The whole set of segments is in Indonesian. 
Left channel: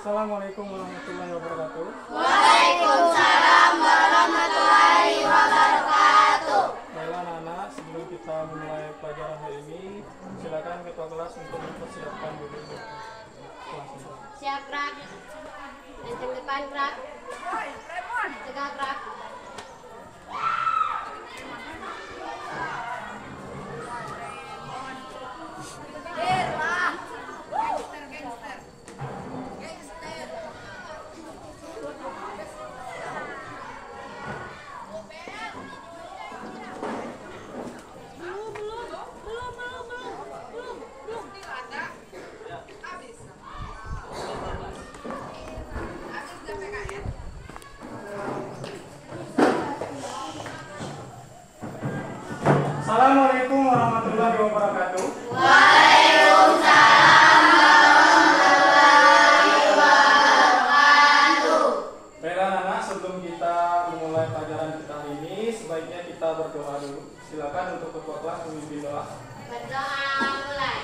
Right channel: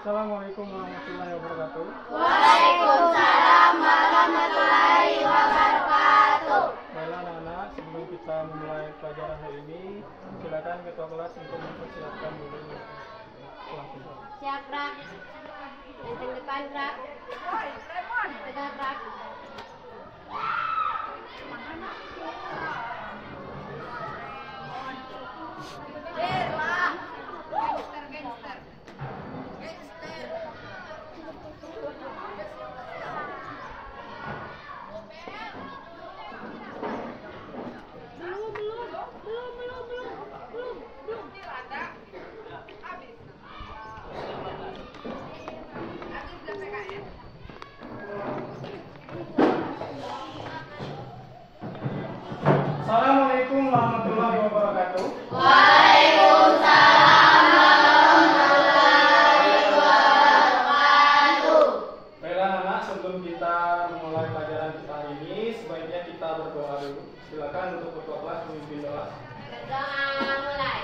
Assalamualaikum warahmatullahi wabarakatuh. Waalaikumsalam warahmatullahi wabarakatuh. Baiklah anak-anak, sebelum kita memulai pelajaran hari ini, silakan ketua kelas untuk mempersiapkan dulu kelasnya. Siap, Krak. Yang depan, Krak. Tegak, Krak. Assalamualaikum warahmatullahi wabarakatuh. Waalaikumsalam warahmatullahi wabarakatuh. Baiklah anak-anak, sebelum kita memulai pelajaran kita hari ini, sebaiknya kita berdoa dulu. Silakan untuk ketua kelas memimpin doa. Berdoa mulai.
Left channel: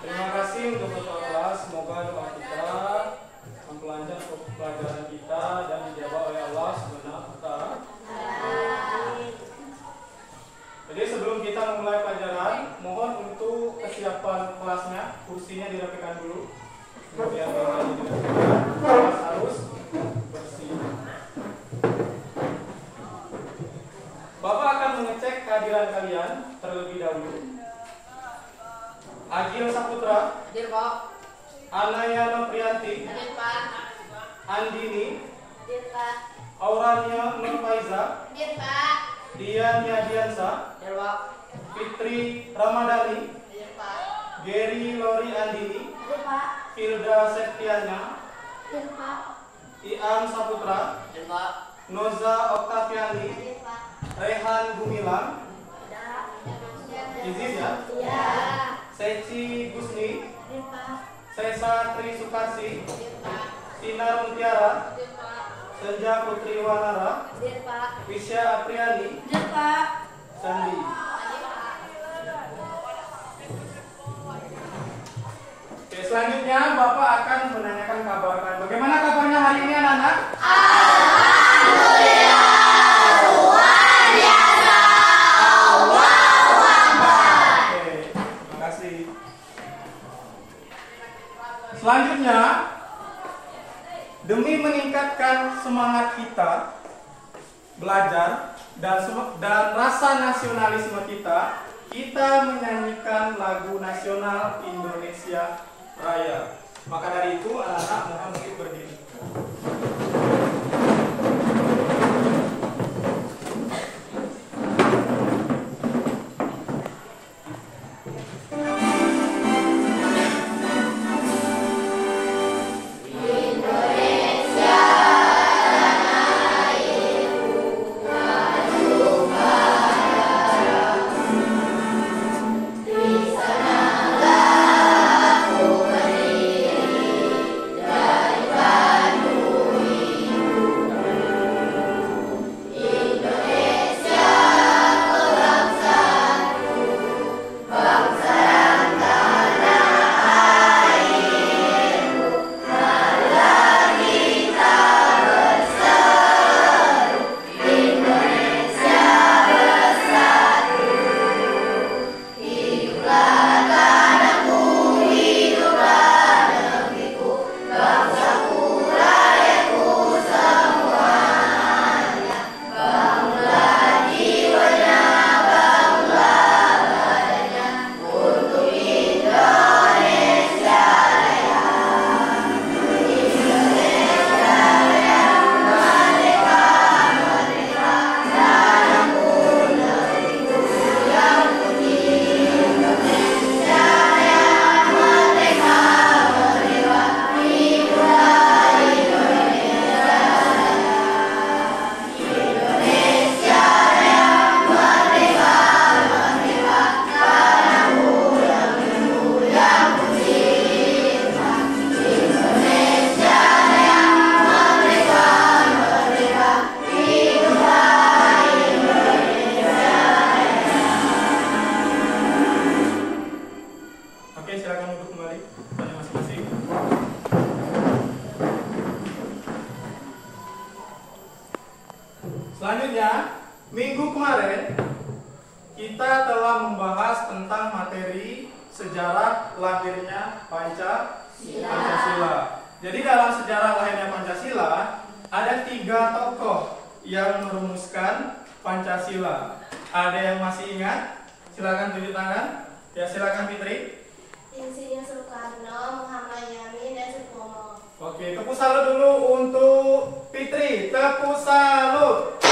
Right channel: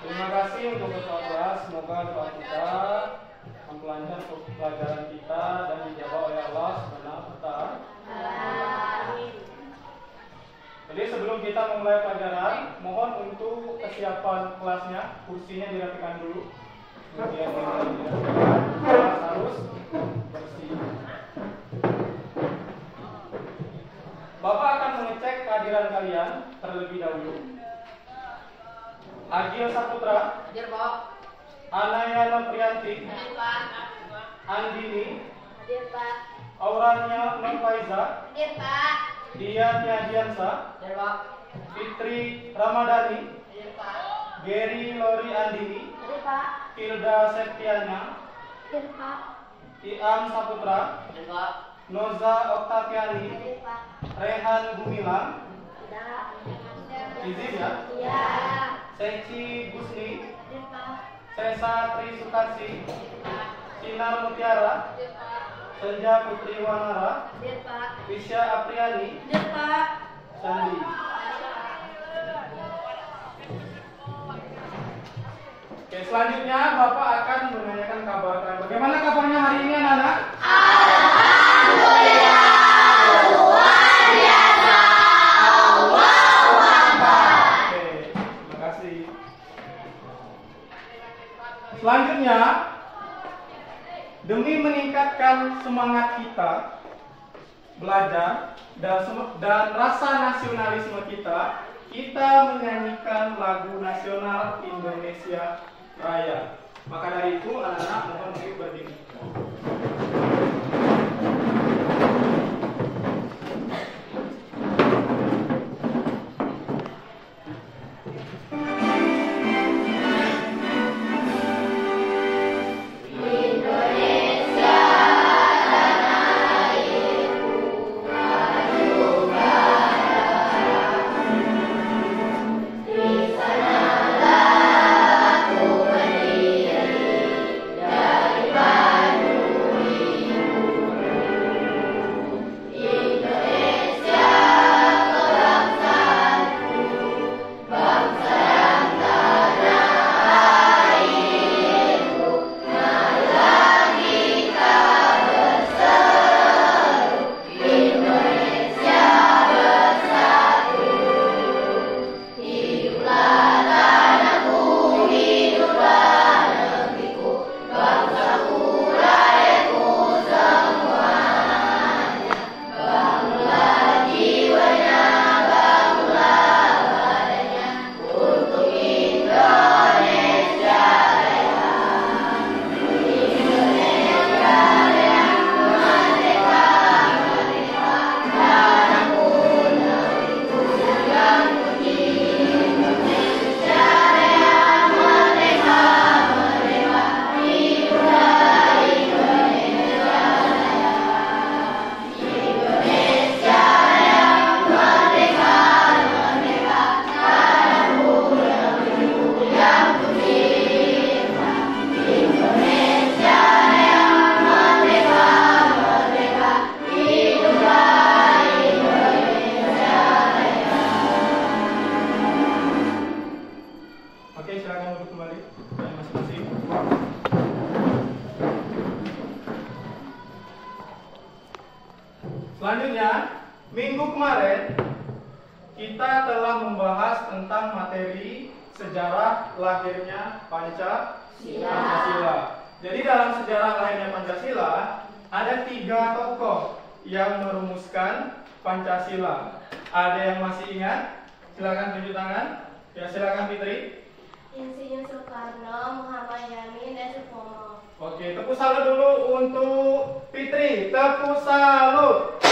Terima kasih untuk ketua kelas. Semoga doa kita memperlancar pelajaran kita dan dijawab oleh Allah Subhanahu wa Ta'ala. Jadi sebelum kita memulai pelajaran, mohon untuk kesiapan kelasnya, kursinya dirapikan dulu. Kemudian kelas harus bersih. Bapak akan mengecek kehadiran kalian terlebih dahulu. Agil Saputra, Hadir, Pak. Anayana Priyanti, Hadir, Pak. Andini, Hadir, Pak. Aurania Nurfaiza, Hadir, Pak. Dian Yadiansa, Hadir, Pak. Fitri Ramadhani, Hadir, Pak. Geri Lori Andini, Hadir, Pak. Tilda Septiana, Hadir, Pak. Iam Saputra, Hadir, Pak. Noza Oktaviani, Hadir, Pak. Rehan Gumilang, Ada. Izin ya, Ya. Seci Gusni, Hadir, Pak. Sesa Tri Sukarsi, Hadir, Pak. Sinar Mutiara, Hadir, Pak. Senja Putri Wanara, Hadir, Pak. Visya Apriani, Hadir, Pak. Sandi. Hadir, Pak. Oke, selanjutnya Bapak akan menanyakan kabar kalian. Bagaimana kabarnya hari ini anak-anak? Oke, terima kasih. Selanjutnya, demi meningkatkan semangat kita belajar dan rasa nasionalisme kita, kita menyanyikan lagu nasional Indonesia Raya. Maka dari itu, anak-anak mohon untuk berdiri. Di sanalah aku berdiri dari Selanjutnya, minggu kemarin kita telah membahas tentang materi sejarah lahirnya Pancasila. Jadi dalam sejarah lahirnya Pancasila ada 3 tokoh yang merumuskan Pancasila. Ada yang masih ingat? Silakan tunjuk tangan. Ya, silakan Fitri. Insinyur Soekarno, Muhammad Yamin, dan Supomo. Oke, tepuk salut dulu untuk Fitri. Tepuk salut.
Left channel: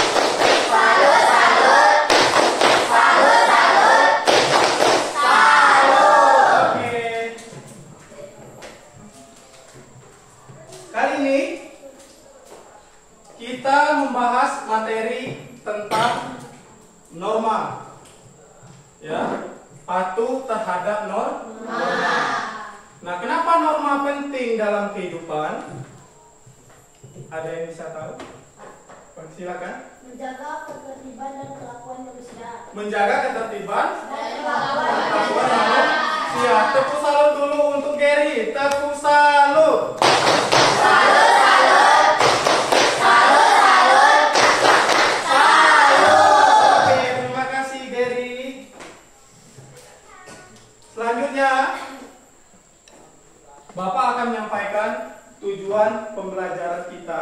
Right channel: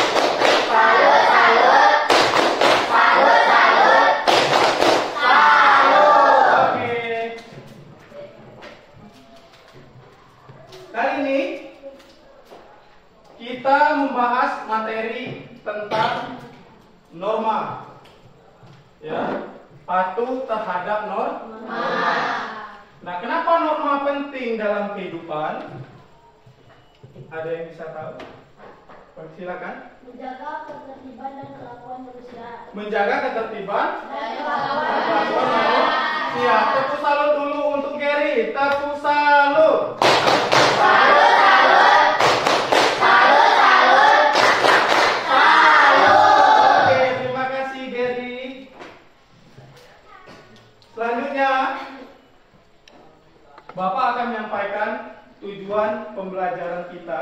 Salut, salut. Salut, salut. Salut. Oke. Kali ini kita membahas materi tentang norma. Ya, patuh terhadap norma. Nah, kenapa norma penting dalam kehidupan? Ada yang bisa tahu? Silakan. Menjaga ketertiban dan kelakuan manusia. Menjaga ketertiban Dan kelakuan manusia. Siap. Tepuk salut dulu untuk Gary. Tepuk salut. Salut, salut. Salut, salut. Salut. Oke, terima kasih Gary. Selanjutnya, Bapak akan menyampaikan tujuan pembelajaran kita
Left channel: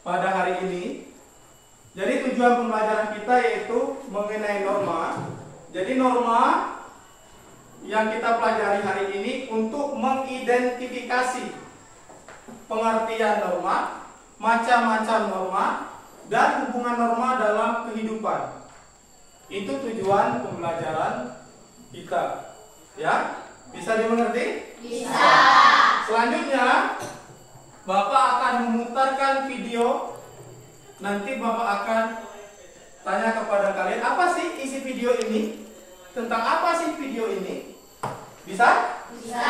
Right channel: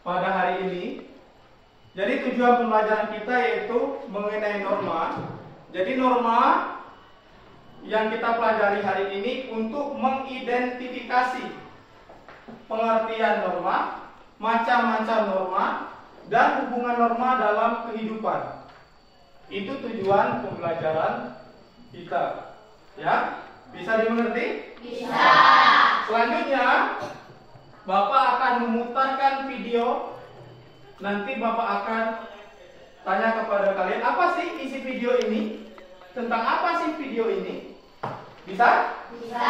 pada hari ini. Jadi tujuan pembelajaran kita yaitu mengenai norma. Jadi norma yang kita pelajari hari ini untuk mengidentifikasi pengertian norma, macam-macam norma, dan hubungan norma dalam kehidupan. Itu tujuan pembelajaran kita. Ya, bisa dimengerti? Bisa. Selanjutnya, Bapak akan memutarkan video. Nanti Bapak akan tanya kepada kalian, apa sih isi video ini? Tentang apa sih video ini? Bisa? Bisa.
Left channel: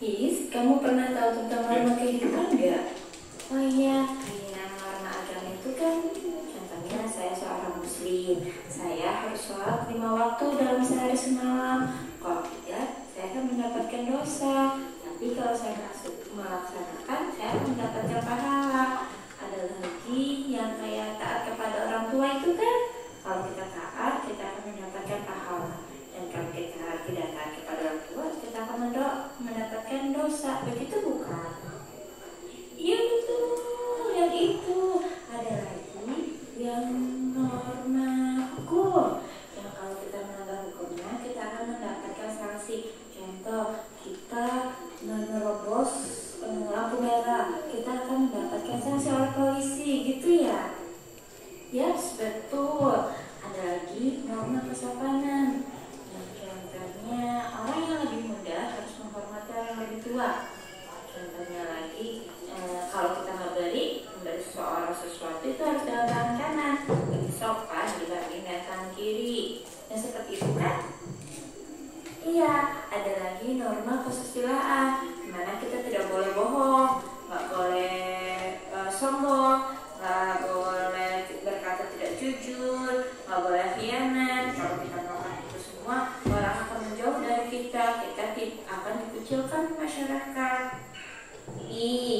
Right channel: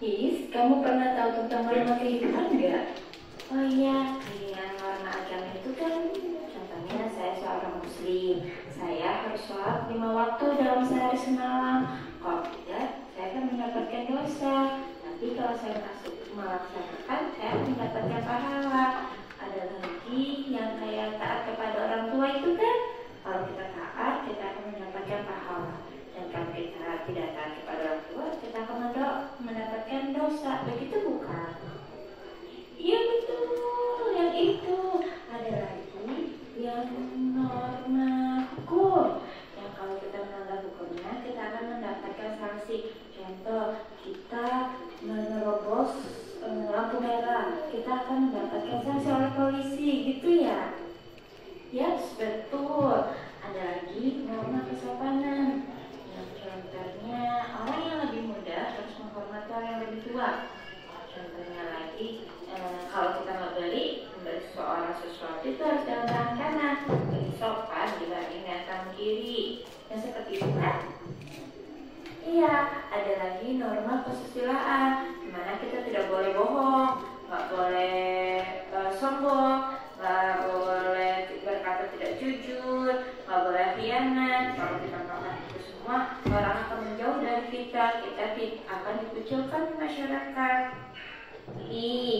Is, kamu pernah tahu tentang norma kehidupan nggak? Oh iya, yang norma agama itu kan, contohnya saya seorang muslim, saya harus sholat 5 waktu dalam sehari semalam. Kalau tidak, saya akan mendapatkan dosa. Tapi kalau saya masuk melaksanakan, saya akan mendapatkan pahala. Ada lagi yang kayak taat kepada orang tua itu kan, kalau kita taat, kita akan mendapatkan pahala. Dan kalau kita tidak taat kepada orang tua, kita akan mendapatkan dosa. Begitu bukan? Iya betul, yang itu. Ada lagi yang norma hukum, yang kalau kita melanggar hukumnya, kita akan mendapatkan sanksi. Contoh, kita menerobos lampu merah, kita akan mendapatkan sanksi oleh polisi, gitu ya? Yaps, betul. Ada lagi norma kesopanan, yang contohnya orang yang lebih muda harus menghormati orang yang lebih tua. Contohnya lagi, kalau kita memberi seseorang sesuatu itu harus dalam tangan kanan, lebih sopan dibanding tangan kiri. Yang seperti itu kan? Iya, ada lagi norma kesusilaan, dimana kita tidak boleh bohong, nggak boleh sombong, nggak boleh berkata tidak jujur, nggak boleh khianat. Kalau kita melakukan itu semua, orang akan menjauh dari kita akan dikucilkan di masyarakat.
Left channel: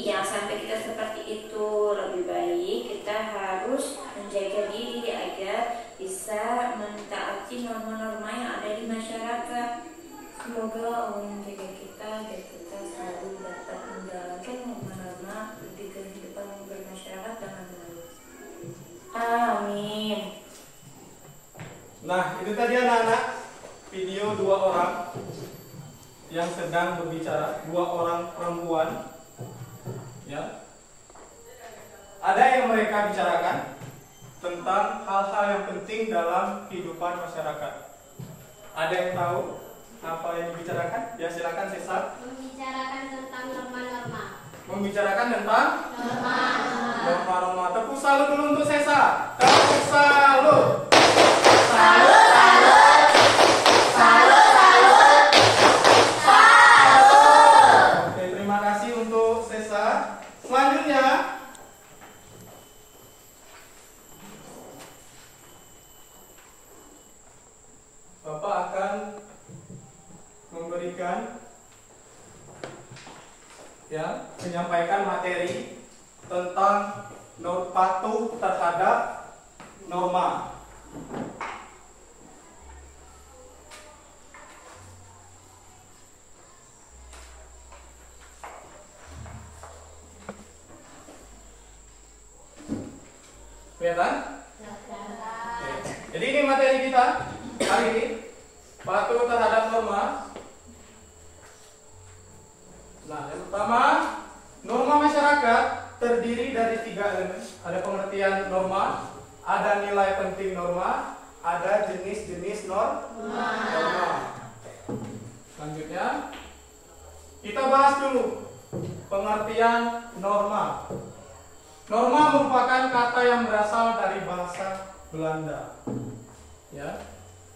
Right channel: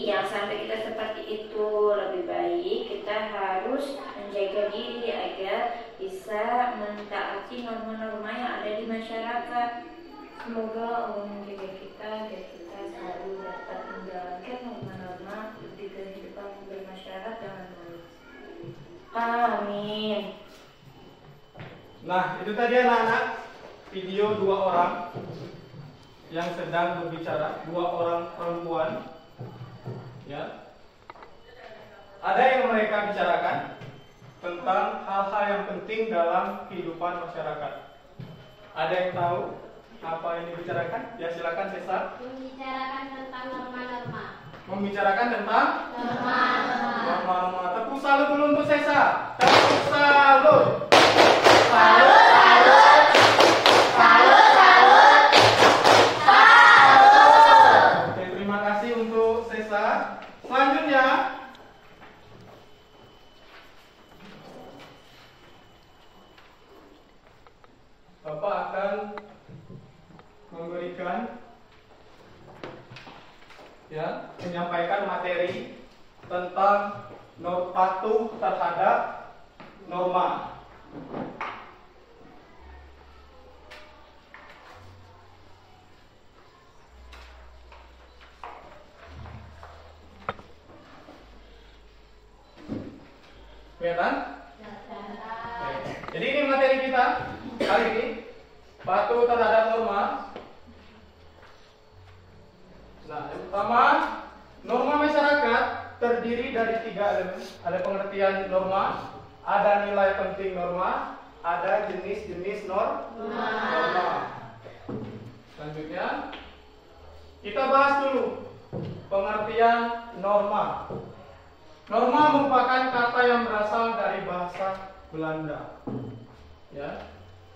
Jangan sampai kita seperti itu. Lebih baik kita harus menjaga diri agar bisa mentaati norma-norma yang ada di masyarakat. Semoga Allah menjaga kita agar kita selalu dapat menjalankan norma-norma di kehidupan bermasyarakat dengan baik. Amin. Nah, itu tadi anak-anak video 2 orang yang sedang berbicara, 2 orang perempuan. Ya. Ada yang mereka bicarakan tentang hal-hal yang penting dalam kehidupan masyarakat. Ada yang tahu apa yang dibicarakan? Ya, silakan Sesa. Membicarakan tentang norma-norma. Membicarakan tentang Norma-norma. norma-norma. Tepuk salut dulu untuk Sesa. Tepuk salut. Salut, salut. Salut, salut. Salut. Oke, terima kasih untuk Sesa. Selanjutnya, patuh terhadap norma. Kelihatan? Jadi ini materi kita kali ini, patuh terhadap norma. Nah, yang pertama, norma masyarakat terdiri dari 3 elemen. Ada pengertian norma, ada nilai penting norma, ada jenis-jenis norma. Selanjutnya, kita bahas dulu pengertian norma. Norma merupakan kata yang berasal dari bahasa Belanda. Ya.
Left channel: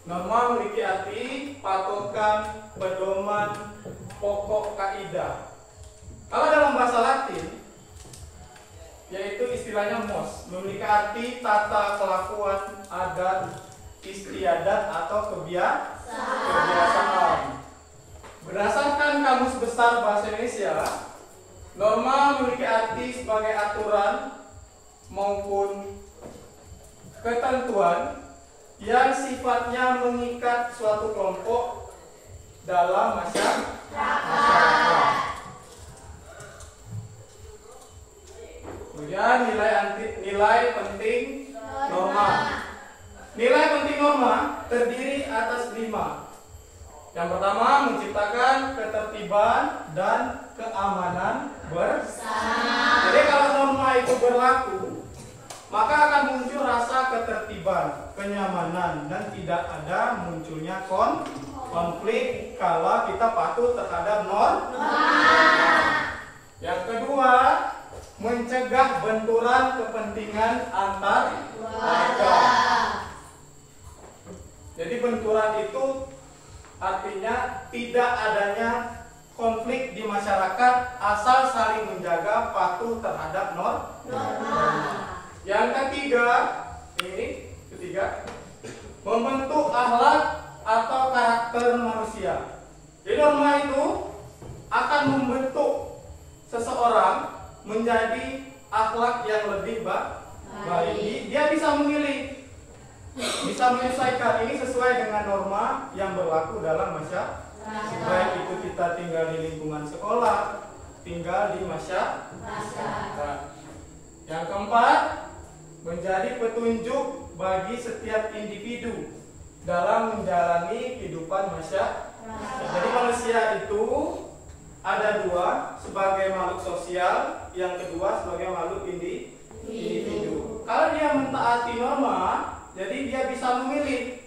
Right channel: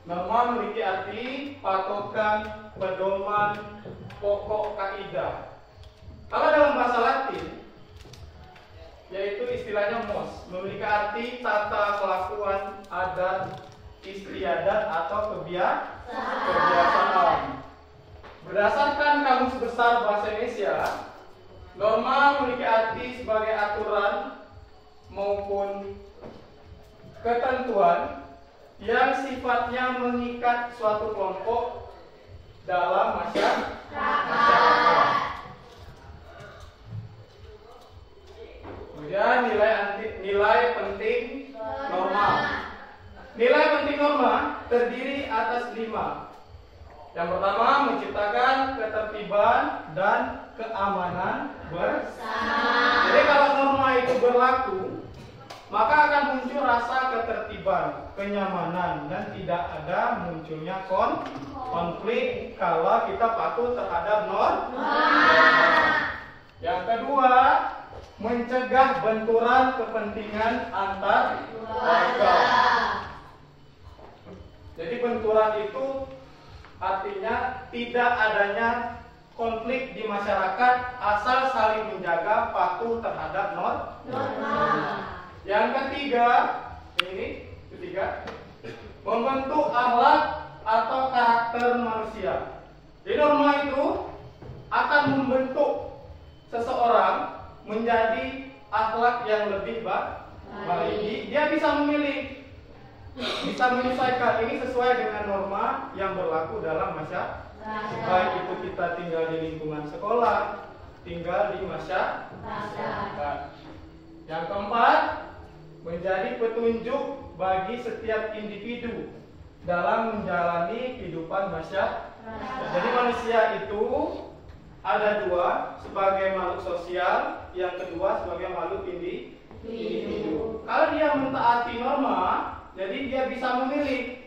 Norma memiliki arti patokan, pedoman, pokok kaidah. Kalau dalam bahasa Latin, yaitu istilahnya mos, memiliki arti tata kelakuan, adat, istiadat atau kebiasaan. Berdasarkan Kamus Besar Bahasa Indonesia, norma memiliki arti sebagai aturan maupun ketentuan yang sifatnya mengikat suatu kelompok dalam masyarakat. Kemudian nilai penting norma. Nilai penting norma terdiri atas 5. Yang pertama, menciptakan ketertiban dan keamanan bersama. Jadi kalau norma itu berlaku, maka akan muncul rasa ketertiban, kenyamanan, dan tidak ada munculnya konflik kalau kita patuh terhadap norma. Yang kedua, mencegah benturan kepentingan antar warga. Jadi benturan itu artinya tidak adanya konflik di masyarakat asal saling menjaga patuh terhadap norma. Yang ketiga, membentuk akhlak atau karakter manusia. Jadi norma itu akan membentuk seseorang menjadi akhlak yang lebih baik. Dia bisa memilih, bisa menyesuaikan ini sesuai dengan norma yang berlaku dalam masyarakat. Baik itu kita tinggal di lingkungan sekolah, tinggal di masyarakat. Yang keempat, menjadi petunjuk bagi setiap individu dalam menjalani kehidupan masyarakat. Jadi manusia itu ada 2, sebagai makhluk sosial, yang kedua sebagai makhluk individu. Kalau dia mentaati norma, jadi dia bisa memilih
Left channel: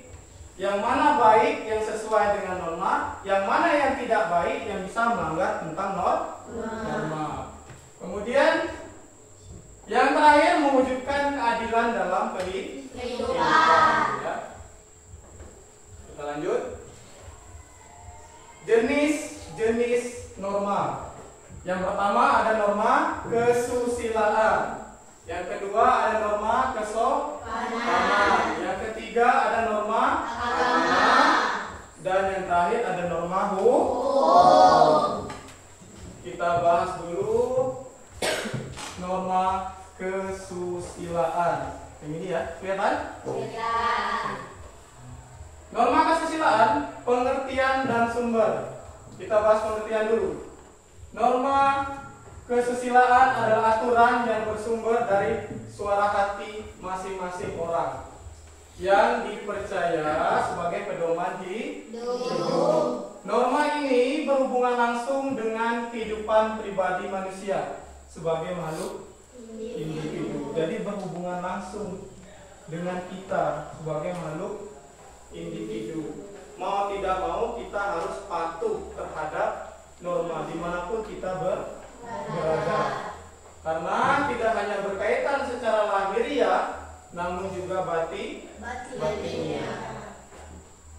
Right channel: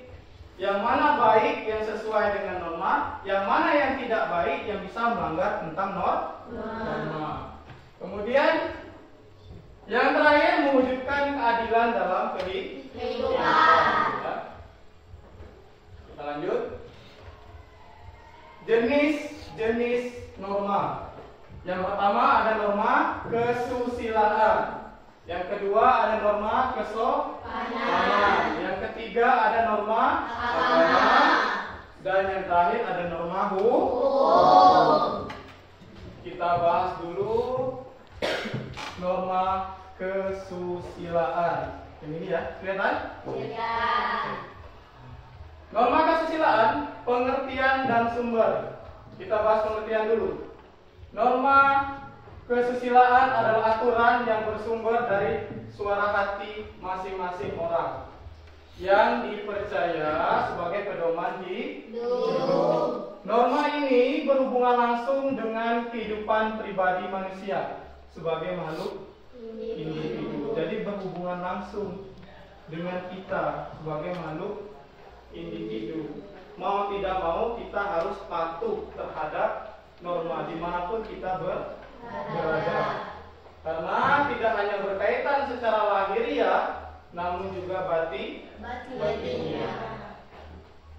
yang mana baik yang sesuai dengan norma, yang mana yang tidak baik yang bisa melanggar tentang norma. Kemudian yang terakhir, mewujudkan keadilan dalam kehidupan. Ya. Kita lanjut. Jenis norma. Yang pertama ada norma kesusilaan. Yang kedua ada norma kesopanan. Yang ketiga ada norma agama. Dan yang terakhir ada norma hukum. Kita bahas dulu norma kesusilaan. Yang ini ya, kelihatan? Iya. Norma kesusilaan, pengertian dan sumber. Kita bahas pengertian dulu. Norma kesusilaan adalah aturan yang bersumber dari suara hati masing-masing orang yang dipercaya sebagai pedoman hidup. Norma ini berhubungan langsung dengan kehidupan pribadi manusia sebagai makhluk individu. Jadi berhubungan langsung dengan kita sebagai makhluk individu. Mau tidak mau kita harus patuh terhadap norma dimanapun kita berada. Karena tidak hanya berkaitan secara lahiriah, namun juga batinnya.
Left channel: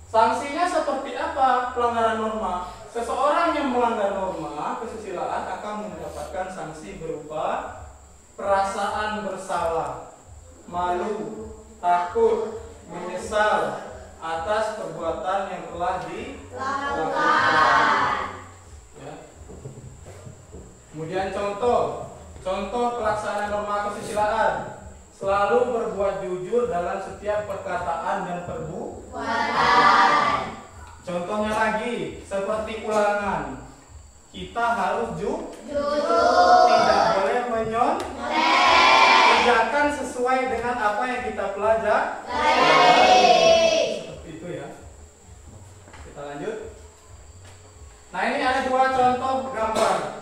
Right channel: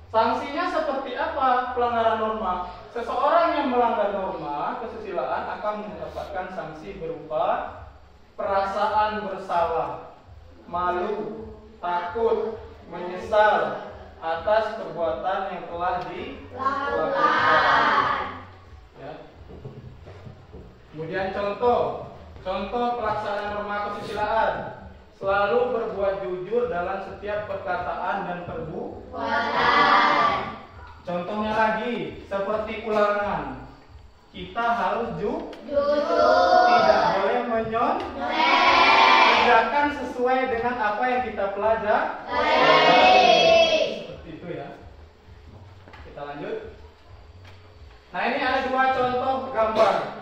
Sanksinya seperti apa pelanggaran norma? Seseorang yang melanggar norma kesusilaan akan mendapatkan sanksi berupa perasaan bersalah, malu, takut, menyesal atas perbuatan yang telah dilakukan. Ya. Kemudian contoh Contoh pelaksanaan norma kesusilaan: selalu berbuat jujur dalam setiap perkataan dan perbuatan. Contohnya lagi, seperti ulangan, kita harus jujur, tidak boleh kerjakan sesuai dengan apa yang kita pelajari. Seperti itu ya. Kita lanjut. Nah, ini ada dua contoh gambar.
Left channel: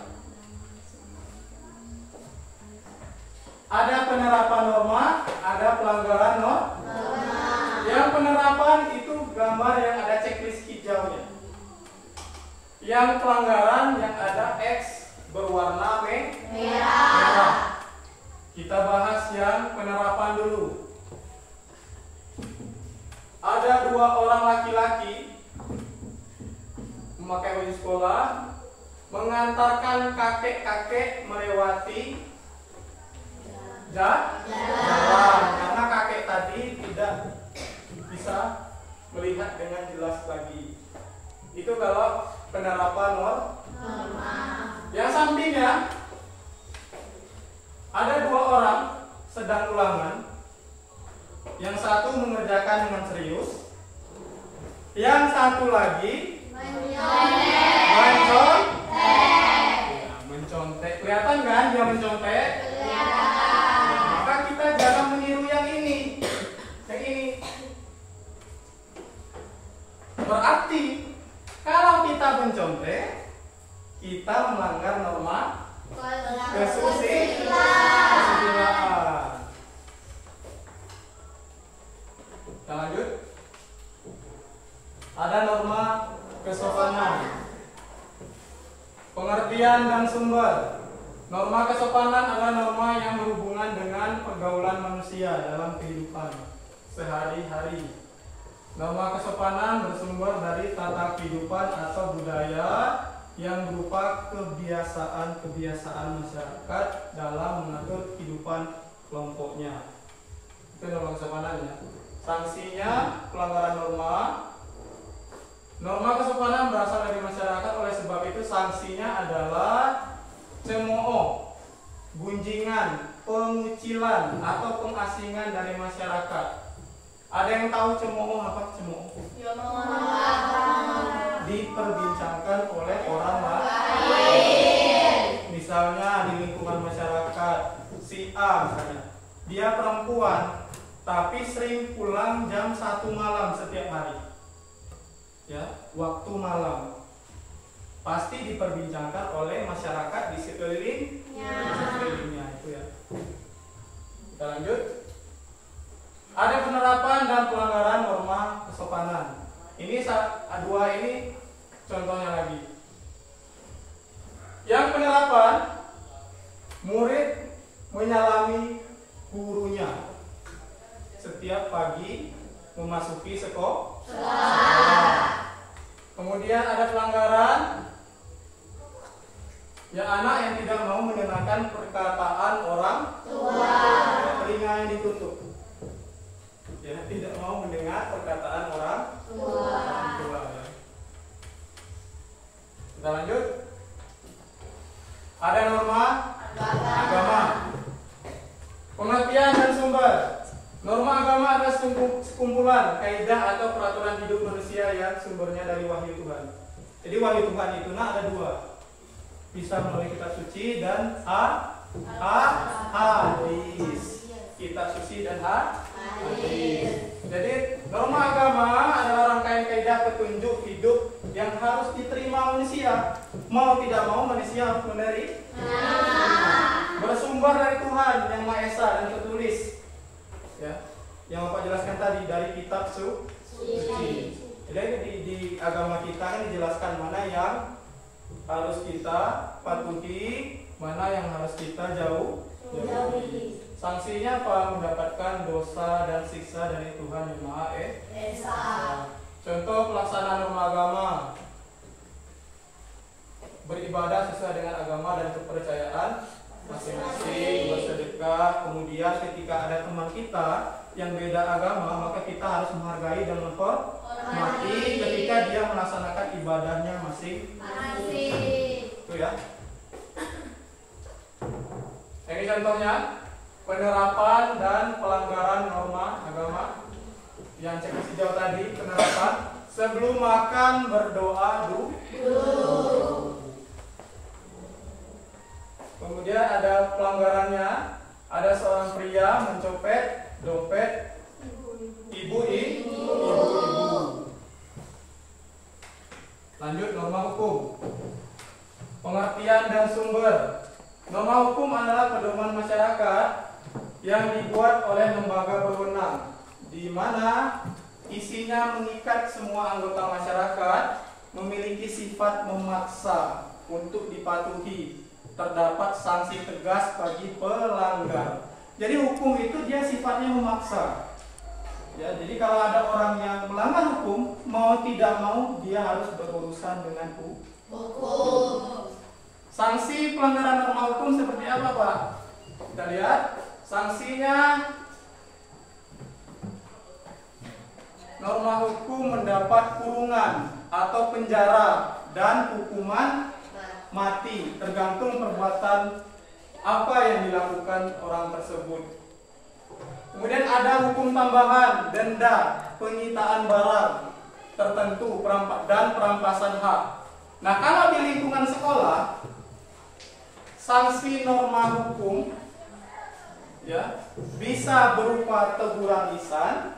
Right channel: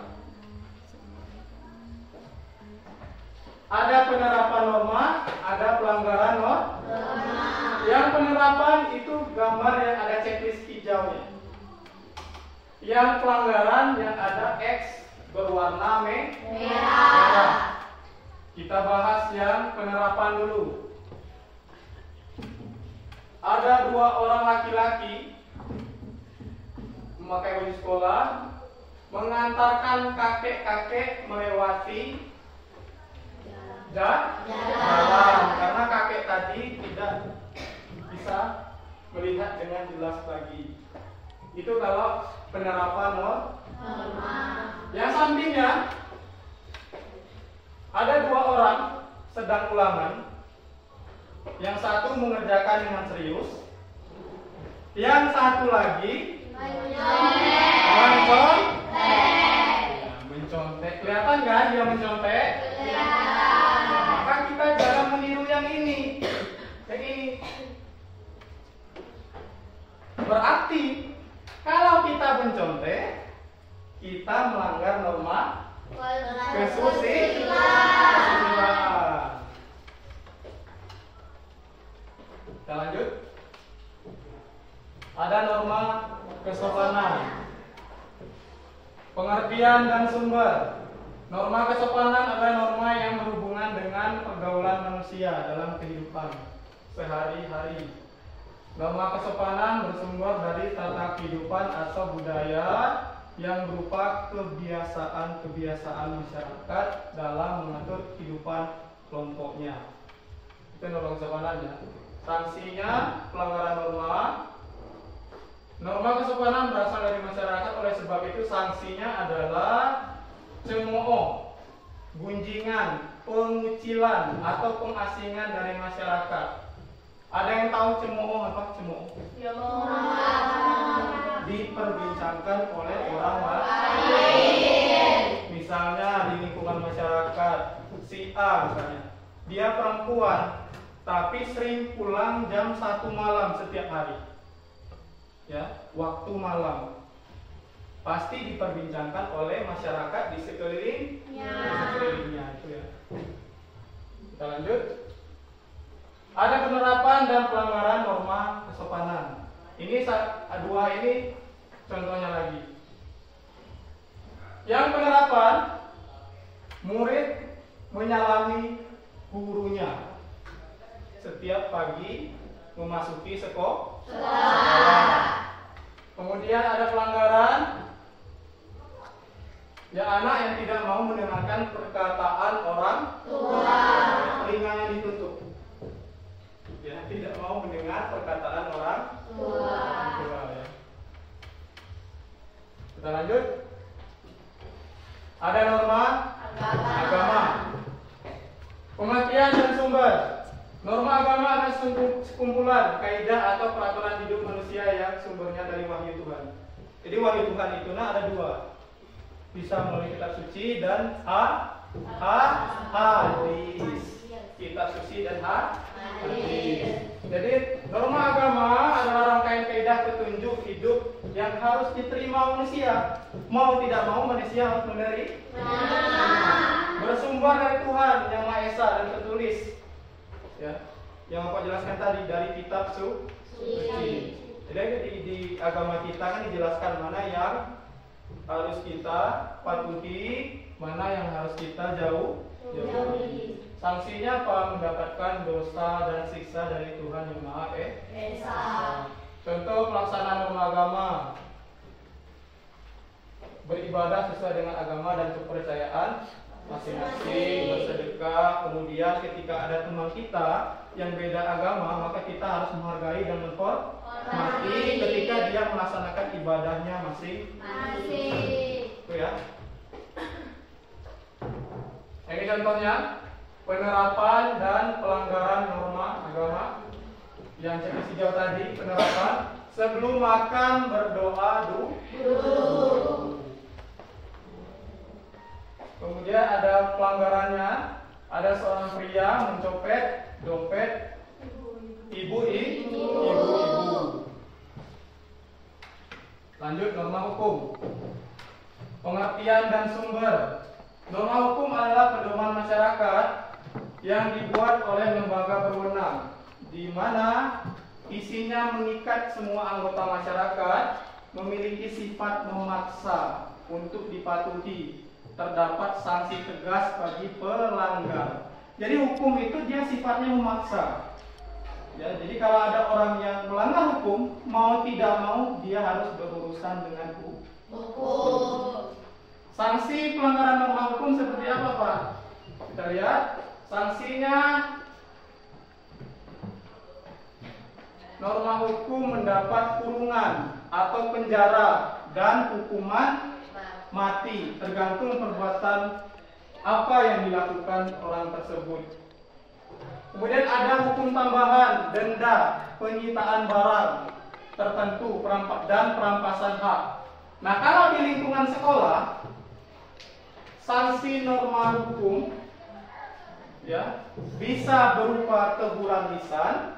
Ada penerapan norma, ada pelanggaran norma. Yang penerapan itu gambar yang ada checklist hijaunya. Yang pelanggaran yang ada X berwarna merah. Kita bahas yang penerapan dulu. Ada dua orang laki-laki memakai baju sekolah mengantarkan kakek-kakek melewati jalan karena kakek tadi tidak bisa melihat dengan jelas lagi. Itu kalau penerapan norma. Yang sampingnya ada dua orang sedang ulangan. Yang satu mengerjakan dengan serius, yang satu lagi mencontek. Kelihatan kan dia mencontek? Maka kita jangan meniru yang ini. Yang ini. Berarti kalau kita mencontek, kita melanggar norma kesusilaan. Kita lanjut. Ada norma kesopanan. Pengertian dan sumber. Norma kesopanan adalah norma yang berhubungan dengan pergaulan manusia dalam kehidupan sehari-hari. Norma kesopanan bersumber dari tata kehidupan atau budaya yang berupa kebiasaan-kebiasaan masyarakat dalam mengatur kehidupan kelompoknya. Itu norma kesopanan ya. Sanksinya pelanggaran norma. Norma kesopanan berasal dari masyarakat, oleh sebab itu sanksinya adalah cemooh, gunjingan, pengucilan atau pengasingan dari masyarakat. Ada yang tahu cemooh apa? Cemooh diperbincangkan oleh orang lain. Misalnya di lingkungan masyarakat, si A misalnya, dia perempuan tapi sering pulang jam 1 malam setiap hari. Ya, waktu malam. Pasti diperbincangkan oleh masyarakat di sekelilingnya itu ya. Kita lanjut. Ada penerapan dan pelanggaran norma kesopanan. Ini dua ini contohnya lagi. Yang penerapan, murid menyalami gurunya setiap pagi memasuki sekolah. Kemudian ada pelanggaran, ya anak yang tidak mau mendengarkan perkataan orang tua, telinganya ditutup. Ya, tidak mau mendengar perkataan orang tua. Ya. Kita lanjut. Ada norma agama. Pengertian dan sumber. Norma agama adalah sekumpulan kaidah atau peraturan hidup manusia yang sumbernya dari wahyu Tuhan. Jadi wahyu Tuhan itu ada dua. Bisa melalui kitab suci dan hadis. Kitab suci dan hadis. Jadi norma agama adalah rangkaian kaidah petunjuk hidup yang harus diterima manusia. Mau tidak mau manusia harus menerima. Bersumber dari Tuhan yang Maha Esa dan tertulis. Ya, yang Bapak jelaskan tadi dari kitab suci. Jadi di agama kita kan dijelaskan mana yang harus kita patuhi, mana yang harus kita jauhi. Sanksinya apa? Mendapatkan dosa dan siksa dari Tuhan yang Maha Esa. Contoh pelaksanaan norma agama: beribadah sesuai dengan agama dan kepercayaan masing-masing, bersedekah. Kemudian ketika ada teman kita yang beda agama, maka kita harus menghargai dan menghormati ketika dia melaksanakan ibadahnya masing-masing. Itu ya. Ini contohnya penerapan dan pelanggaran norma agama. Yang cek hijau tadi penerapan. Sebelum makan berdoa dulu. Kemudian ada pelanggarannya. Ada seorang pria mencopet dompet ibu-ibu. Lanjut norma hukum. Pengertian dan sumber. Norma hukum adalah pedoman masyarakat yang dibuat oleh lembaga berwenang, di mana isinya mengikat semua anggota masyarakat, memiliki sifat memaksa untuk dipatuhi. Terdapat sanksi tegas bagi pelanggar. Jadi hukum itu dia sifatnya memaksa. Ya, jadi kalau ada orang yang melanggar hukum, mau tidak mau dia harus berurusan dengan hukum. Sanksi pelanggaran norma hukum seperti apa, Pak? Kita lihat sanksinya. Norma hukum mendapat kurungan atau penjara dan hukuman mati, tergantung perbuatan apa yang dilakukan orang tersebut. Kemudian ada hukum tambahan, denda, penyitaan barang tertentu, dan perampasan hak. Nah, kalau di lingkungan sekolah, sanksi norma hukum ya bisa berupa teguran lisan,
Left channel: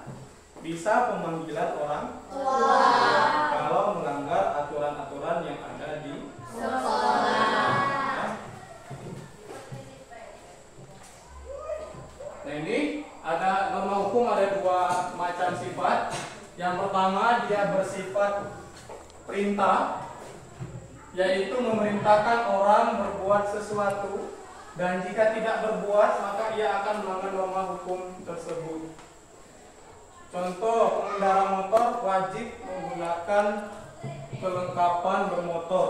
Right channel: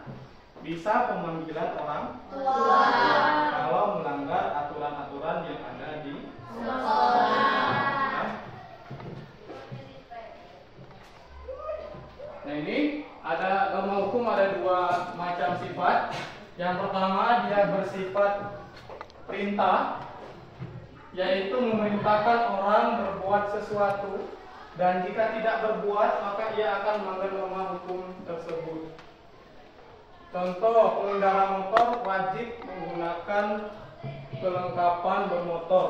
bisa pemanggilan orang tua kalau melanggar aturan-aturan yang ada di sekolah. Nah, ini ada norma hukum, ada dua macam sifat. Yang pertama dia bersifat perintah, yaitu memerintahkan orang berbuat sesuatu, dan jika tidak berbuat maka ia akan melanggar norma hukum tersebut. Contoh, pengendara motor wajib menggunakan kelengkapan bermotor.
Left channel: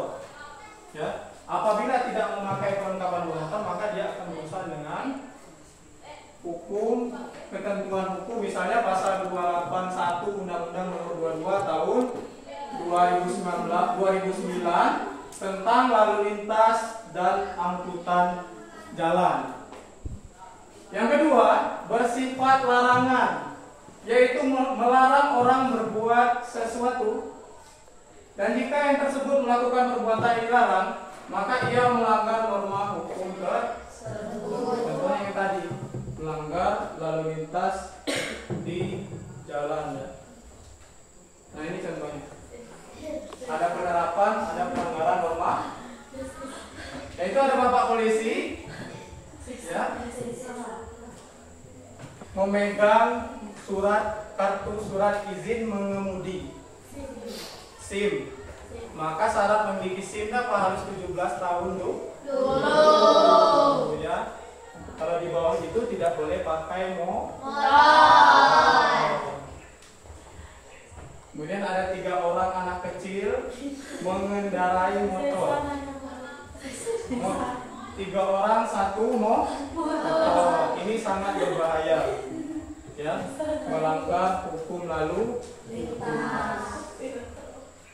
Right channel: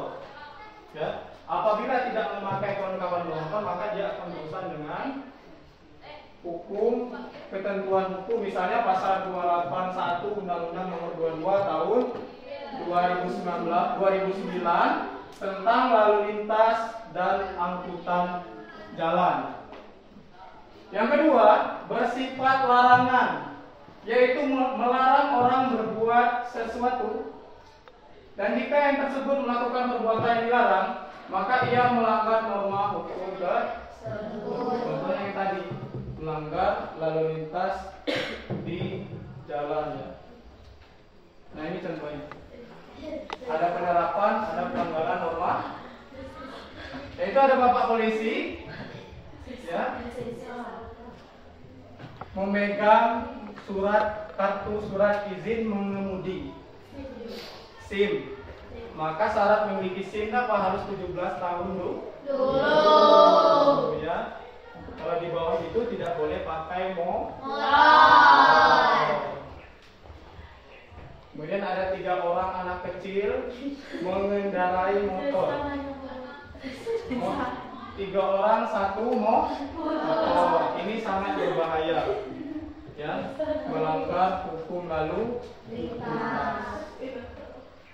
Ya, apabila tidak memakai kelengkapan bermotor maka dia akan berurusan dengan hukum, ketentuan hukum, misalnya pasal 281 Undang-Undang Nomor 22 Tahun 2009 tentang lalu lintas dan angkutan jalan. Yang kedua, bersifat larangan, yaitu melarang orang berbuat sesuatu, dan jika yang tersebut melakukan perbuatan yang dilarang, maka ia melanggar norma hukum tersebut. Contohnya yang tadi, melanggar lalu lintas di jalan. Nah, ini contohnya. Ada penerapan, ada pelanggaran norma. Yaitu ada bapak polisi, ya, memegang kartu surat izin mengemudi, SIM. Maka syarat memiliki SIM apa? Harus 17 tahun dulu. Ya. Kalau di bawah itu tidak boleh pakai motor. Kemudian ada 3 orang anak kecil mengendarai motor. 3 orang 1 motor. Ini sangat berbahaya. Ya, melanggar hukum lalu lintas.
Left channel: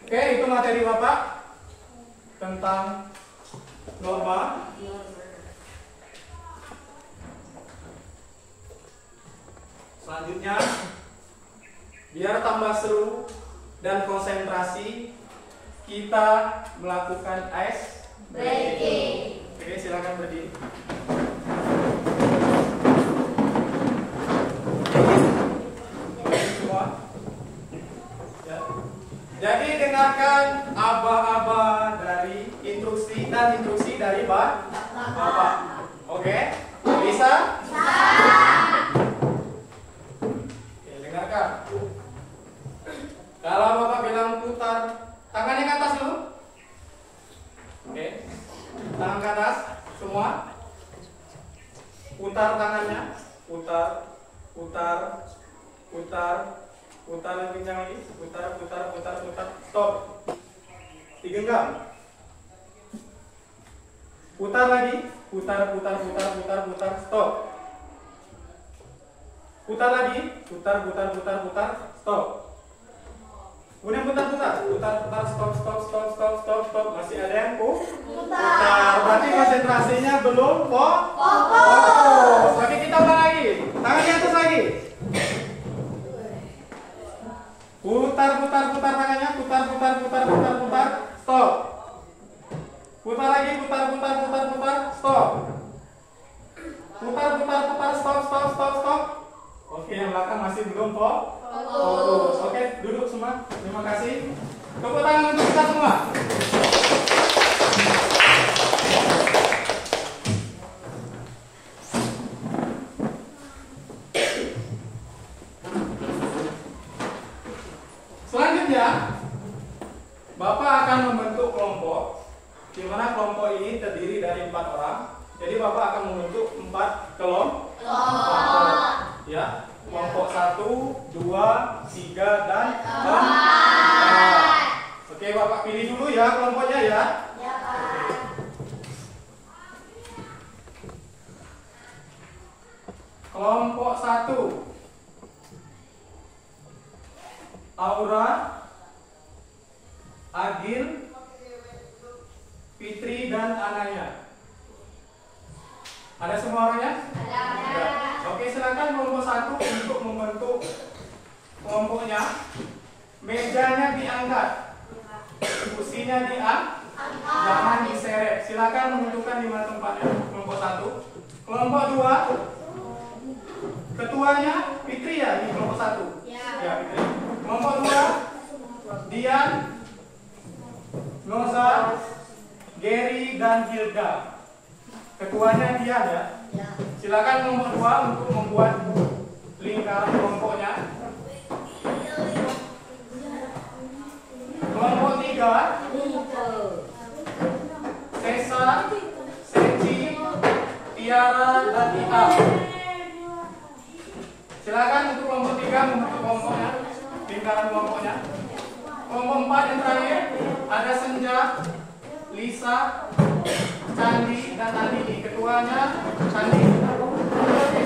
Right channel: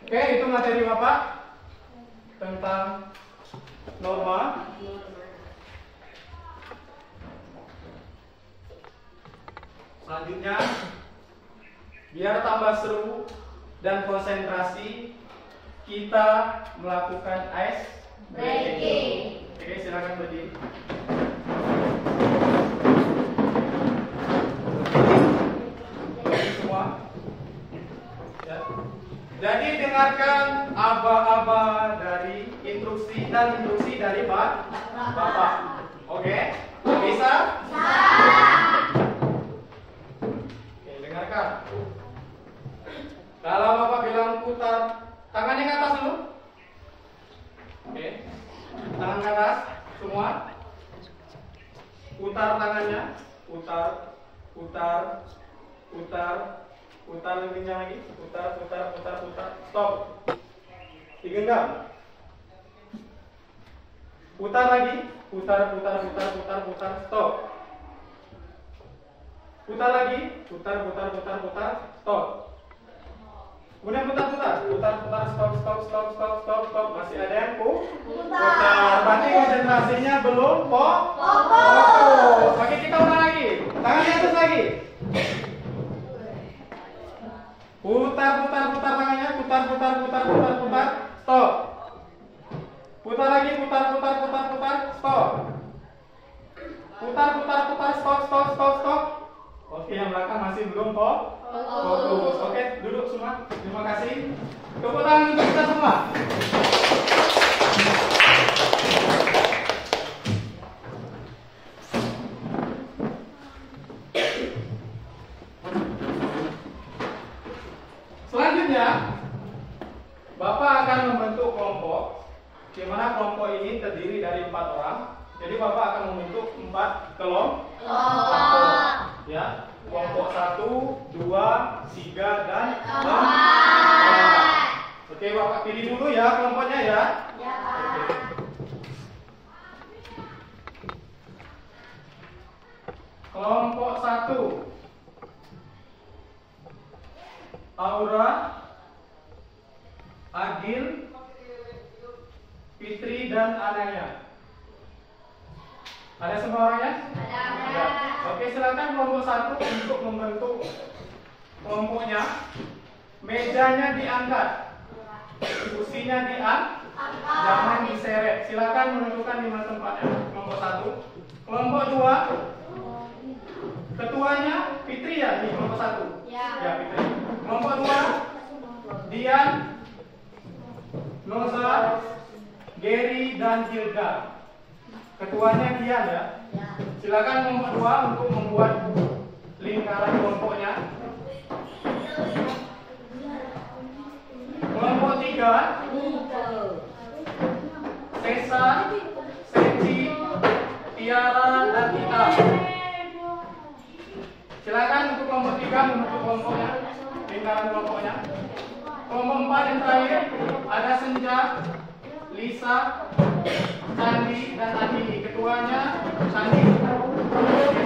Oke, itu materi Bapak tentang norma. Selanjutnya, biar tambah seru dan konsentrasi, kita melakukan ice breaking. Oke, silakan berdiri. Semua. Ya. Jadi dengarkan aba-aba dari instruksi dari Bapak. Oke? Bisa? Dengarkan. Kalau Bapak bilang putar, tangannya ke atas dulu. Oke. Tangan ke atas, semua. Putar tangannya. Putar lebih kencang lagi. Putar. Stop. Digenggam. Putar lagi. Putar. Stop. Putar lagi. Putar. Stop. Kemudian putar. Stop. Masih ada yang putar. Berarti konsentrasinya belum pokok. Fokus. Oke, kita ulang lagi. Tangan di atas lagi. Putar tangannya. Putar. Stop. Putar lagi. Putar. Stop. Putar. Stop. Oke, yang belakang masih belum fokus. Oke, duduk semua. Terima kasih. Tepuk tangan untuk kita semua. Selanjutnya, Bapak akan membentuk kelompok, di mana kelompok ini terdiri dari 4 orang. Jadi Bapak akan membentuk 4 kelompok. Ya, kelompok 1, 2, 3, dan 4. Oke, Bapak pilih dulu ya kelompoknya ya. Ya, Pak. Kelompok 1, Aura, Agil, Fitri, dan Anaya. Ada semua orangnya? Ada. Ya. Oke, silakan kelompok 1 untuk membentuk kelompoknya. Mejanya diangkat, kursinya jangan diseret. Silakan menentukan di mana tempatnya. Kelompok 1. Kelompok 2, ketuanya Fitri ya di kelompok 1. Ya, Fitri. Kelompok 2, Dian, Noza, Gary, dan Hilda. Ketuanya Dian ya. Silakan kelompok 2 untuk membuat lingkaran kelompoknya. Kelompok 3, Tessa, Seci, Tiara, dan Ita. Silakan untuk kelompok 3 membentuk kelompoknya, lingkaran kelompoknya. Kelompok 4 yang terakhir ada Senja, Lisa, Candi, dan Adi. Ketuanya Candi.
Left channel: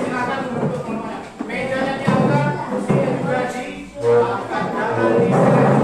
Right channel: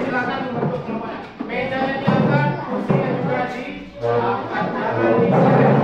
Silakan membentuk kelompoknya. Mejanya diangkat, kursinya juga diangkat, jangan diseret.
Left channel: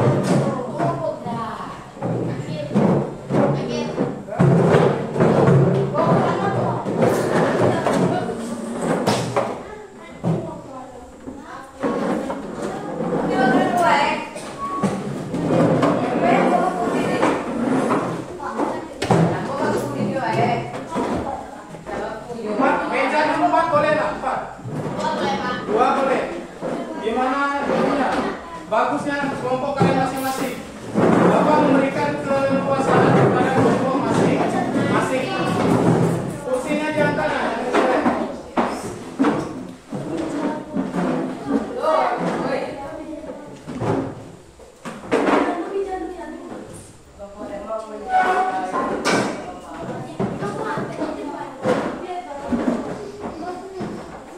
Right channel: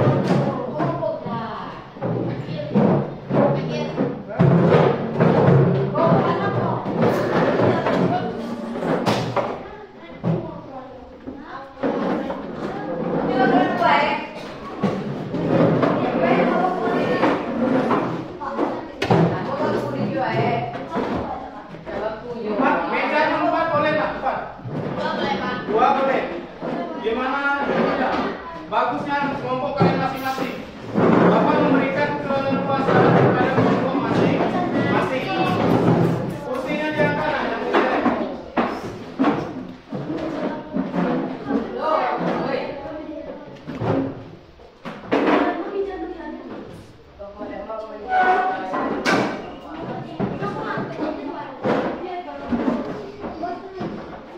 Bagusnya kelompok kalian masing-masing. Bapak memberikan keleluasaan kepada kelompok masing-masing. Kursinya diangkat.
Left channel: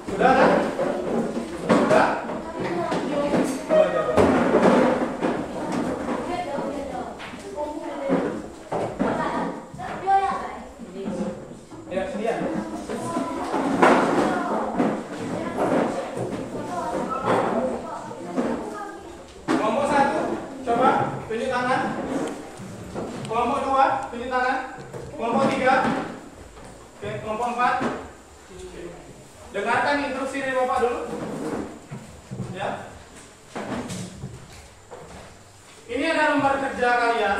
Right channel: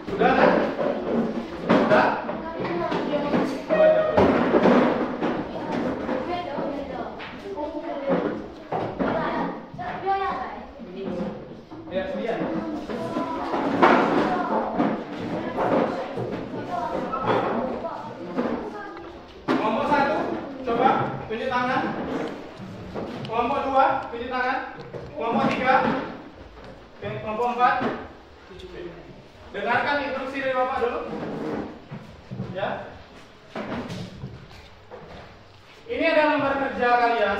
Sudah kan? Sudah? Tunjuk tangan. Kelompok 2, tunjuk tangan. Kelompok 3. Kelompok 4. Dengarkan instruksi dari Bapak dulu. Ya. Ini ada lembar kerja kalian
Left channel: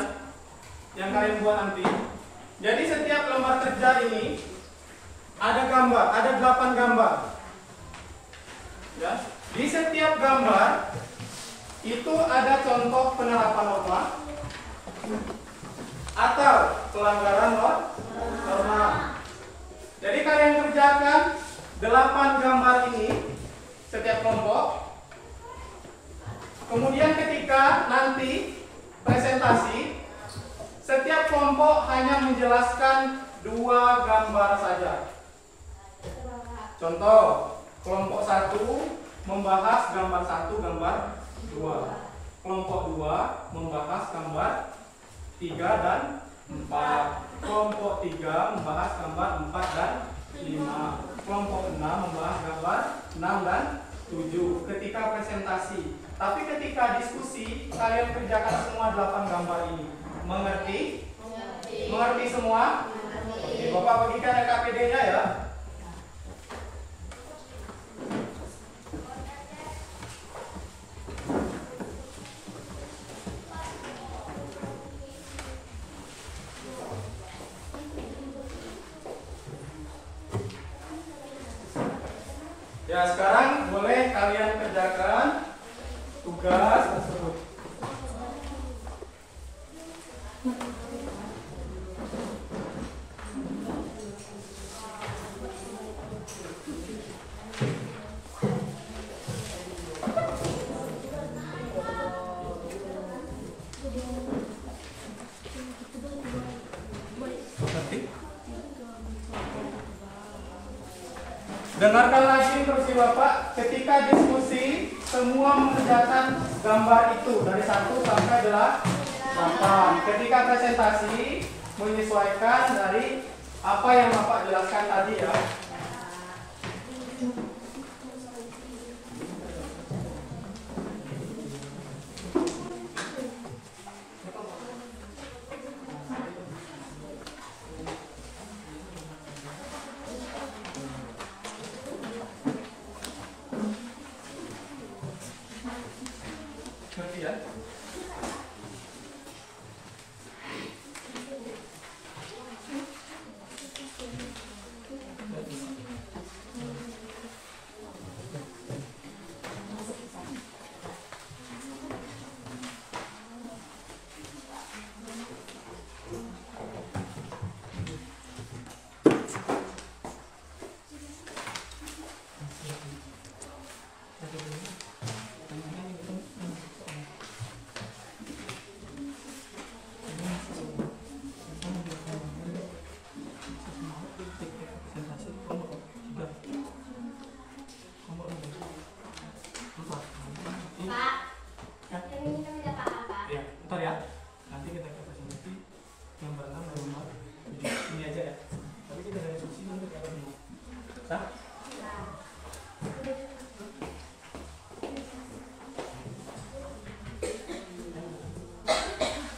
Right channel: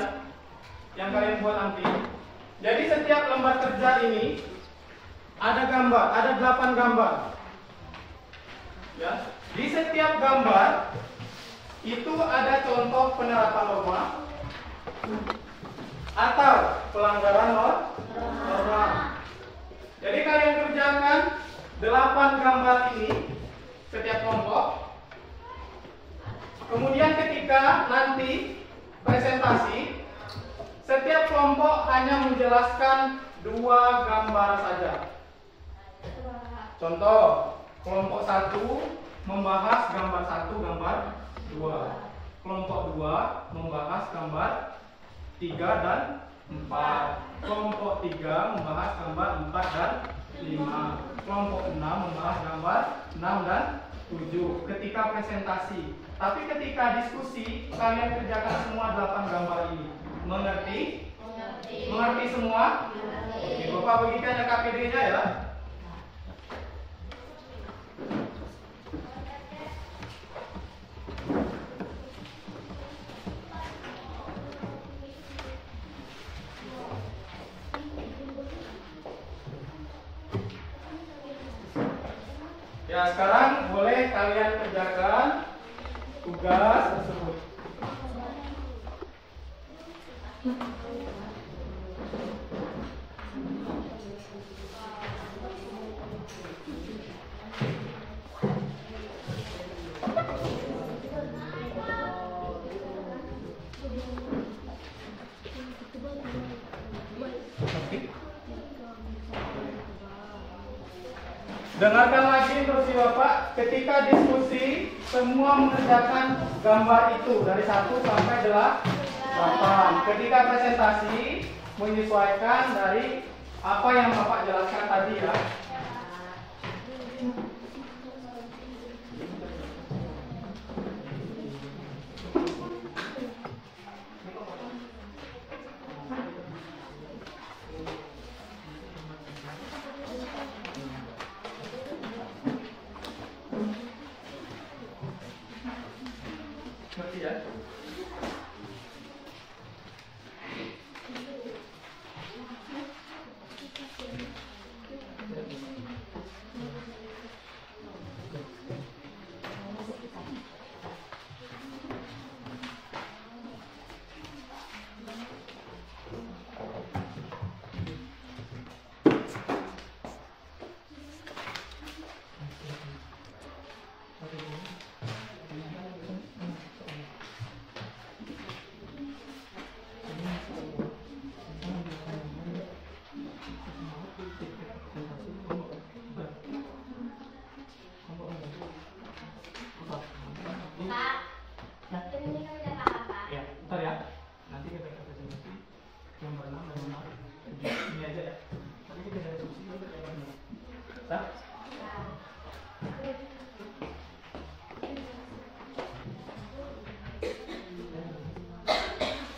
yang kalian buat nanti. Jadi setiap lembar kerja ini ada gambar, ada 8 gambar. Ya. Di setiap gambar itu ada contoh penerapan norma atau pelanggaran norma. Jadi kalian kerjakan 8 gambar ini setiap kelompok. Kemudian ketika nanti presentasi, setiap kelompok hanya menjelaskan 2 gambar saja. Contoh, kelompok 1 membahas gambar 1, gambar 2. Kelompok 2 membahas gambar 3 dan 4. Kelompok 3 membahas gambar 4 dan 5. Kelompok 6 membahas gambar 6 dan 7 ketika presentasi. Tapi ketika diskusi, kalian kerjakan semua 8 gambar ini. Mengerti? Mengerti semua? Oke, Bapak bagikan KPD-nya ya. Ya, sekarang boleh kalian kerjakan tugas tersebut. Dengarkan lagi instruksi Bapak. Ketika diskusi, semua mengerjakan gambar itu dari 1 sampai 8. Ketika presentasi, menyesuaikan dari apa yang Bapak jelaskan tadi ya. Ngerti ya? Ya, ntar ya. Nanti kita presentasi nomor 6 dan nomor 7. Ini aja ya. Tapi kita ada diskusi untuk yang ini. Sah?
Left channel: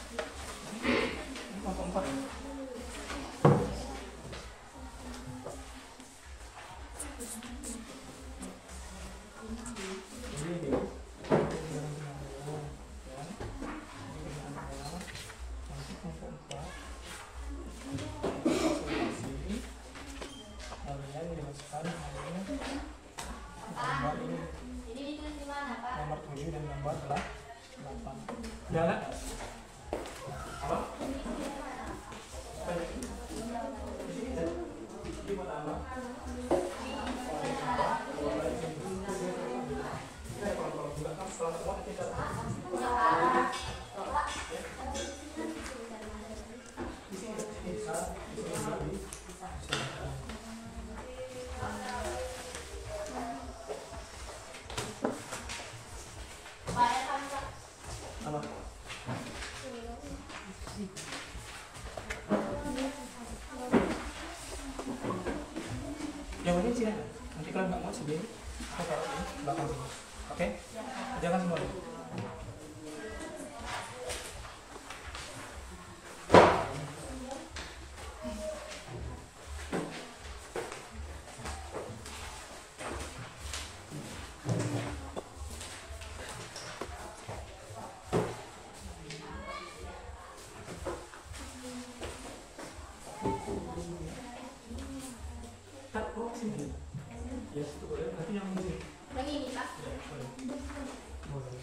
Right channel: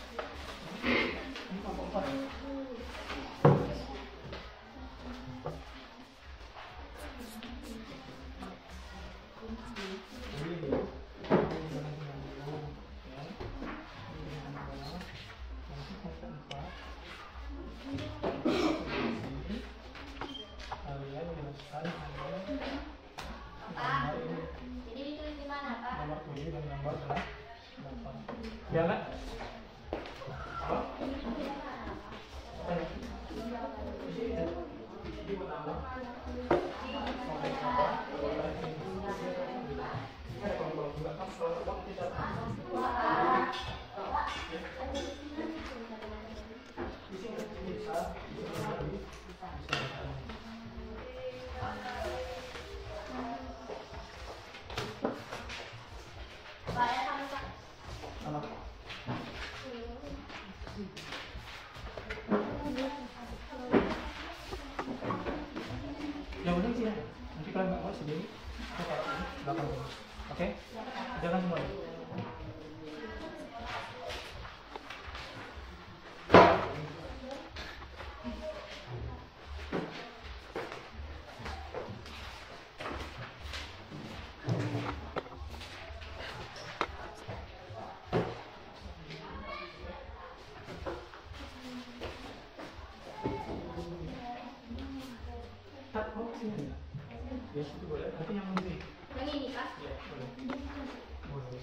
Ini kelompok 4. Jadi ditulis di mana, Pak? Nomor 7 dan nomor 8. Udah nggak? Apa? Apa ini? Ini buat apa? Ini ada kelompok juga kan salah satu kita. Di sini bisa. Apa? Yang penting sih ada. Nanti kalau nggak mau sendiri, kita taruh di belakang sini. Oke? Jangan semuanya. Tak, mau sini. Ya, itu boleh. Nanti yang ini. Yang ini, Pak. Ya, boleh. Boleh.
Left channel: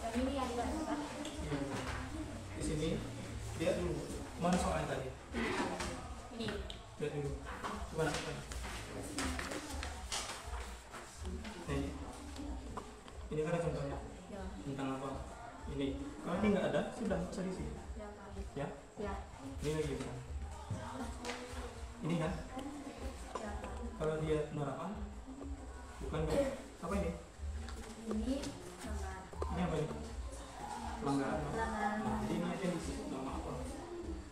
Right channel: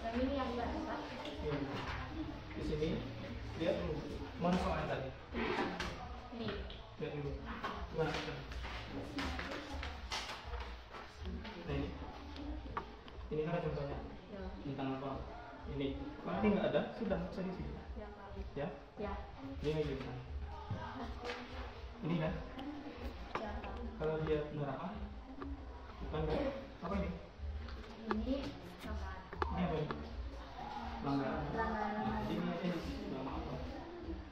Yang ini yang mana, Pak? Di sini lihat dulu mana soalnya tadi. Ini. Lihat dulu gimana nih, ini kan contohnya Ya. tentang apa ini. Kalau ini nggak ada sudah nggak usah di sini Ya, Pak. ya. Ya. Ini lagi kan ini kan Ya, Pak. kalau dia neraka bukan kan apa ini Ini sama ini apa ini pelanggaran apa? pelanggaran. Nah, jadi ini aja di sini nama apa.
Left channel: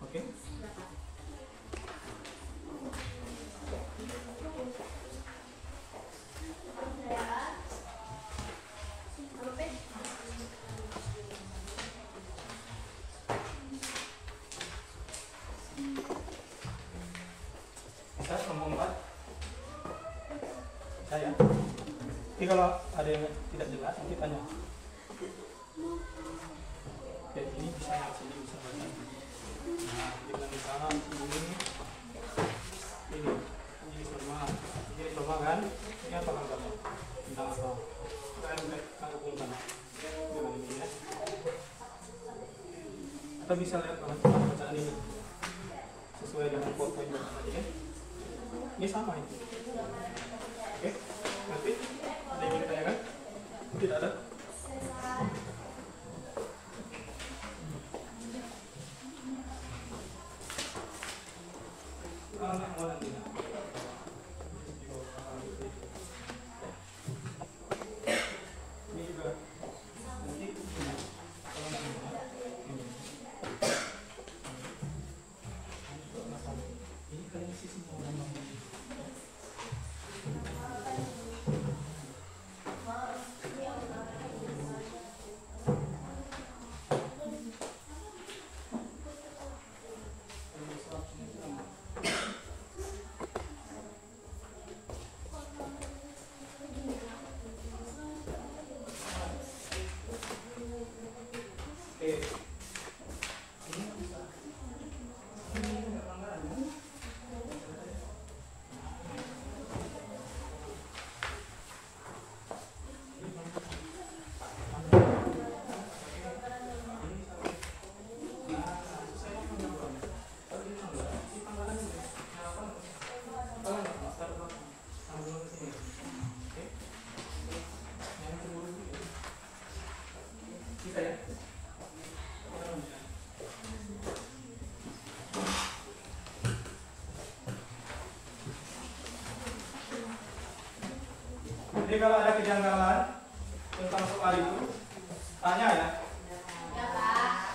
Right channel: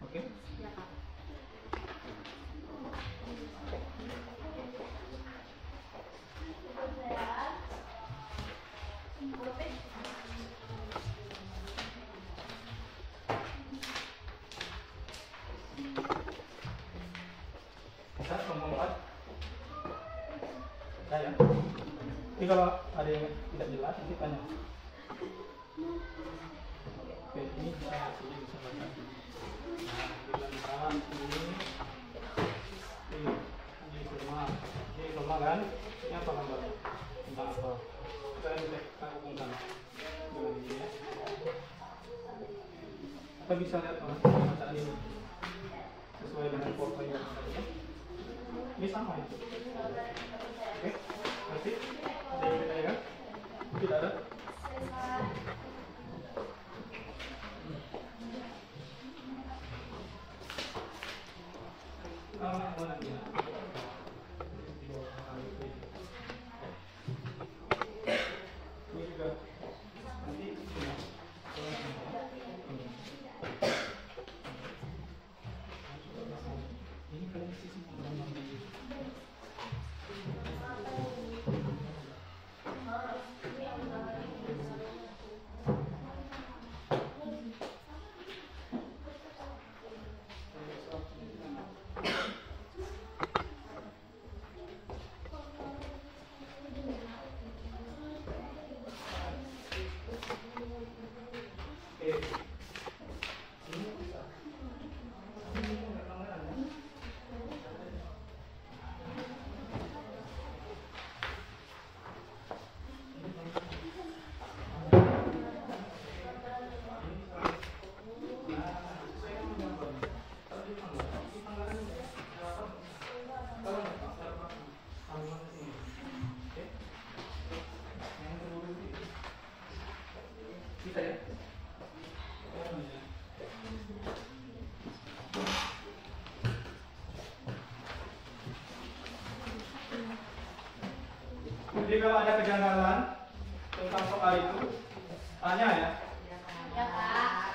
Oke. Ya, Pak. Ya. Halo, Pak. Jadi kalau ada yang tidak jelas nanti tanya. Oke, ini bisa sini bisa baca. Nah, misalnya ini semua kan? Ini apa gambar? Tentang apa? Kita hubungkan dengan ini ya. Kita bisa lihat bacaan ini sesuai dengan foto yang tadi ya. Ini sama ya. Oke, nanti ada yang ditanyakan? Tidak ada? Jadi kalau ada kejanggalan tentang soal itu, tanya ya. Ya, Pak.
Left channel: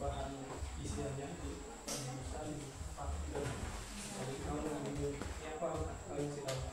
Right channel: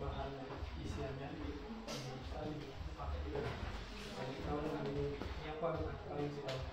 bahan isiannya bisa dipakai juga. Jadi kamu ambil apa kalian sih kamu?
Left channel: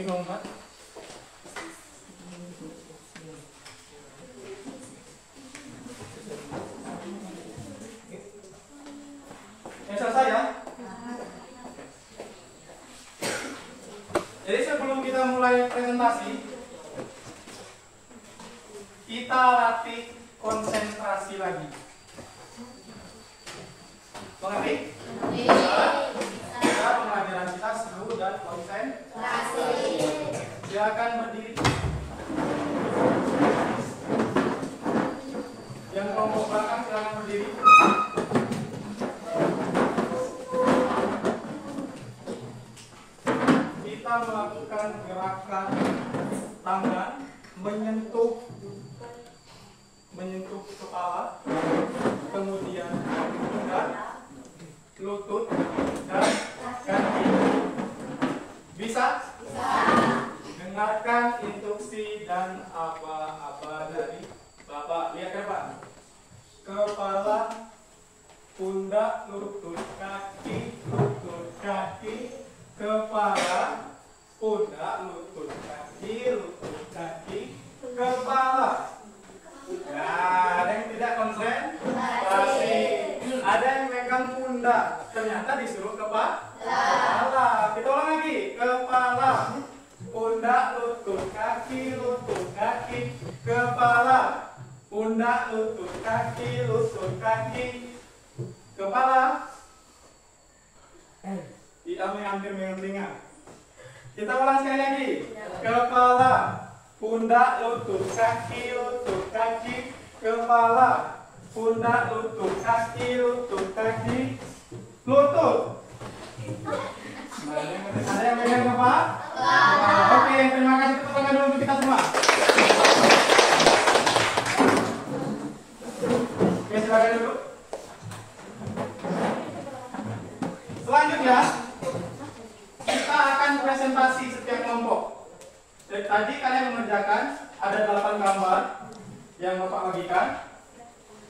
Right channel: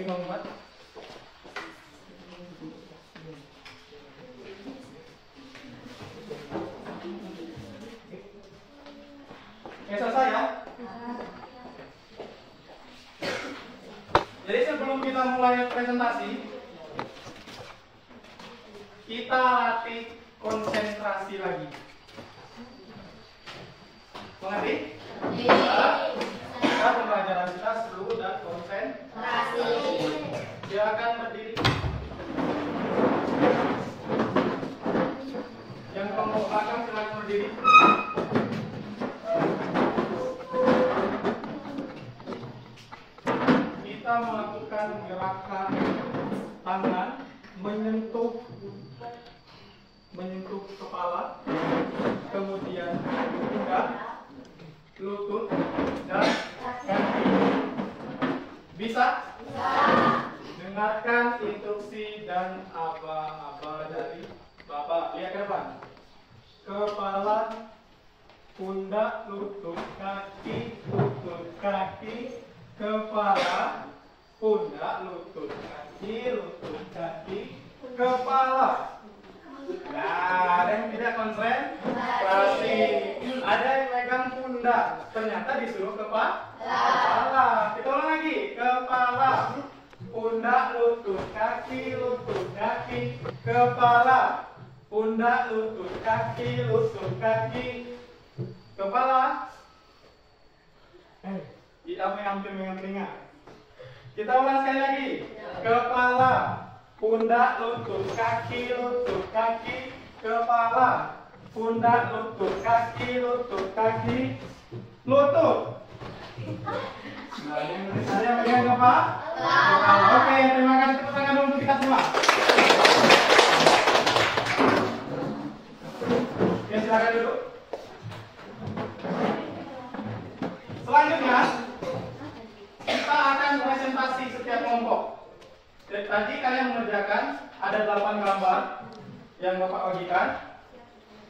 Ngomong Pak. Selesai ya? Jadi sebelum kita mulai presentasi, kita latih konsentrasi lagi. Mengerti? Kita pembelajaran kita seru dan konsentrasi. Silakan berdiri. Yang kelompok belakang silakan berdiri. Kita melakukan gerakan tangan menyentuh kepala, kemudian pundak, lutut, dan kaki. Bisa? Dengarkan instruksi dan aba-aba dari Bapak. Lihat ke depan. Kepala, pundak, lutut, kaki, kepala, pundak, lutut, kaki, kepala. Nah, ada yang tidak konsentrasi. Ada yang megang pundak, ternyata disuruh kepala. Kita ulang lagi. Kepala, pundak, lutut, kaki, kepala, pundak, lutut, kaki, kepala. Hampir megang telinga. Kita ulang sekali lagi. Kepala, pundak, lutut, kaki, kepala, pundak, lutut, kaki, lutut. Nah, ada yang pegang kepala? Oke, terima kasih. Tepuk tangan dulu untuk kita semua. Oke, silakan dulu. 8 gambar yang Bapak bagikan.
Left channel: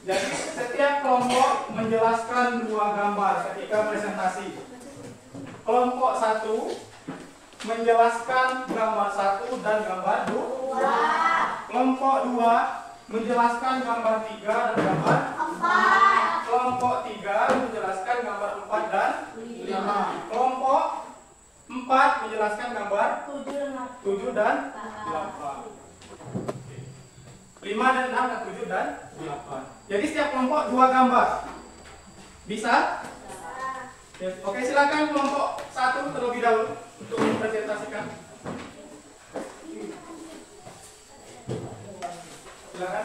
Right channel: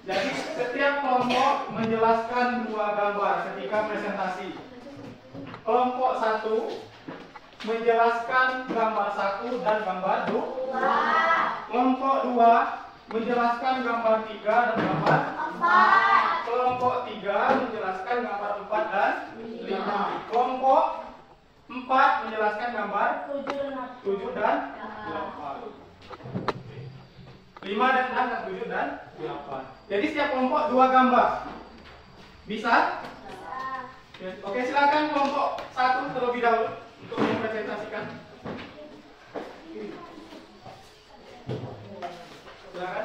Jadi setiap kelompok menjelaskan 2 gambar ketika presentasi. Kelompok 1 menjelaskan gambar 1 dan gambar 2. Kelompok 2 menjelaskan gambar 3 dan gambar 4. Kelompok 3 menjelaskan gambar 4 dan 5. Kelompok 4 menjelaskan gambar 7 dan 8. 5 dan 6 dan 7 dan 8. Jadi setiap kelompok 2 gambar. Bisa? Oke, silakan kelompok 1 terlebih dahulu untuk mempresentasikan. Silakan.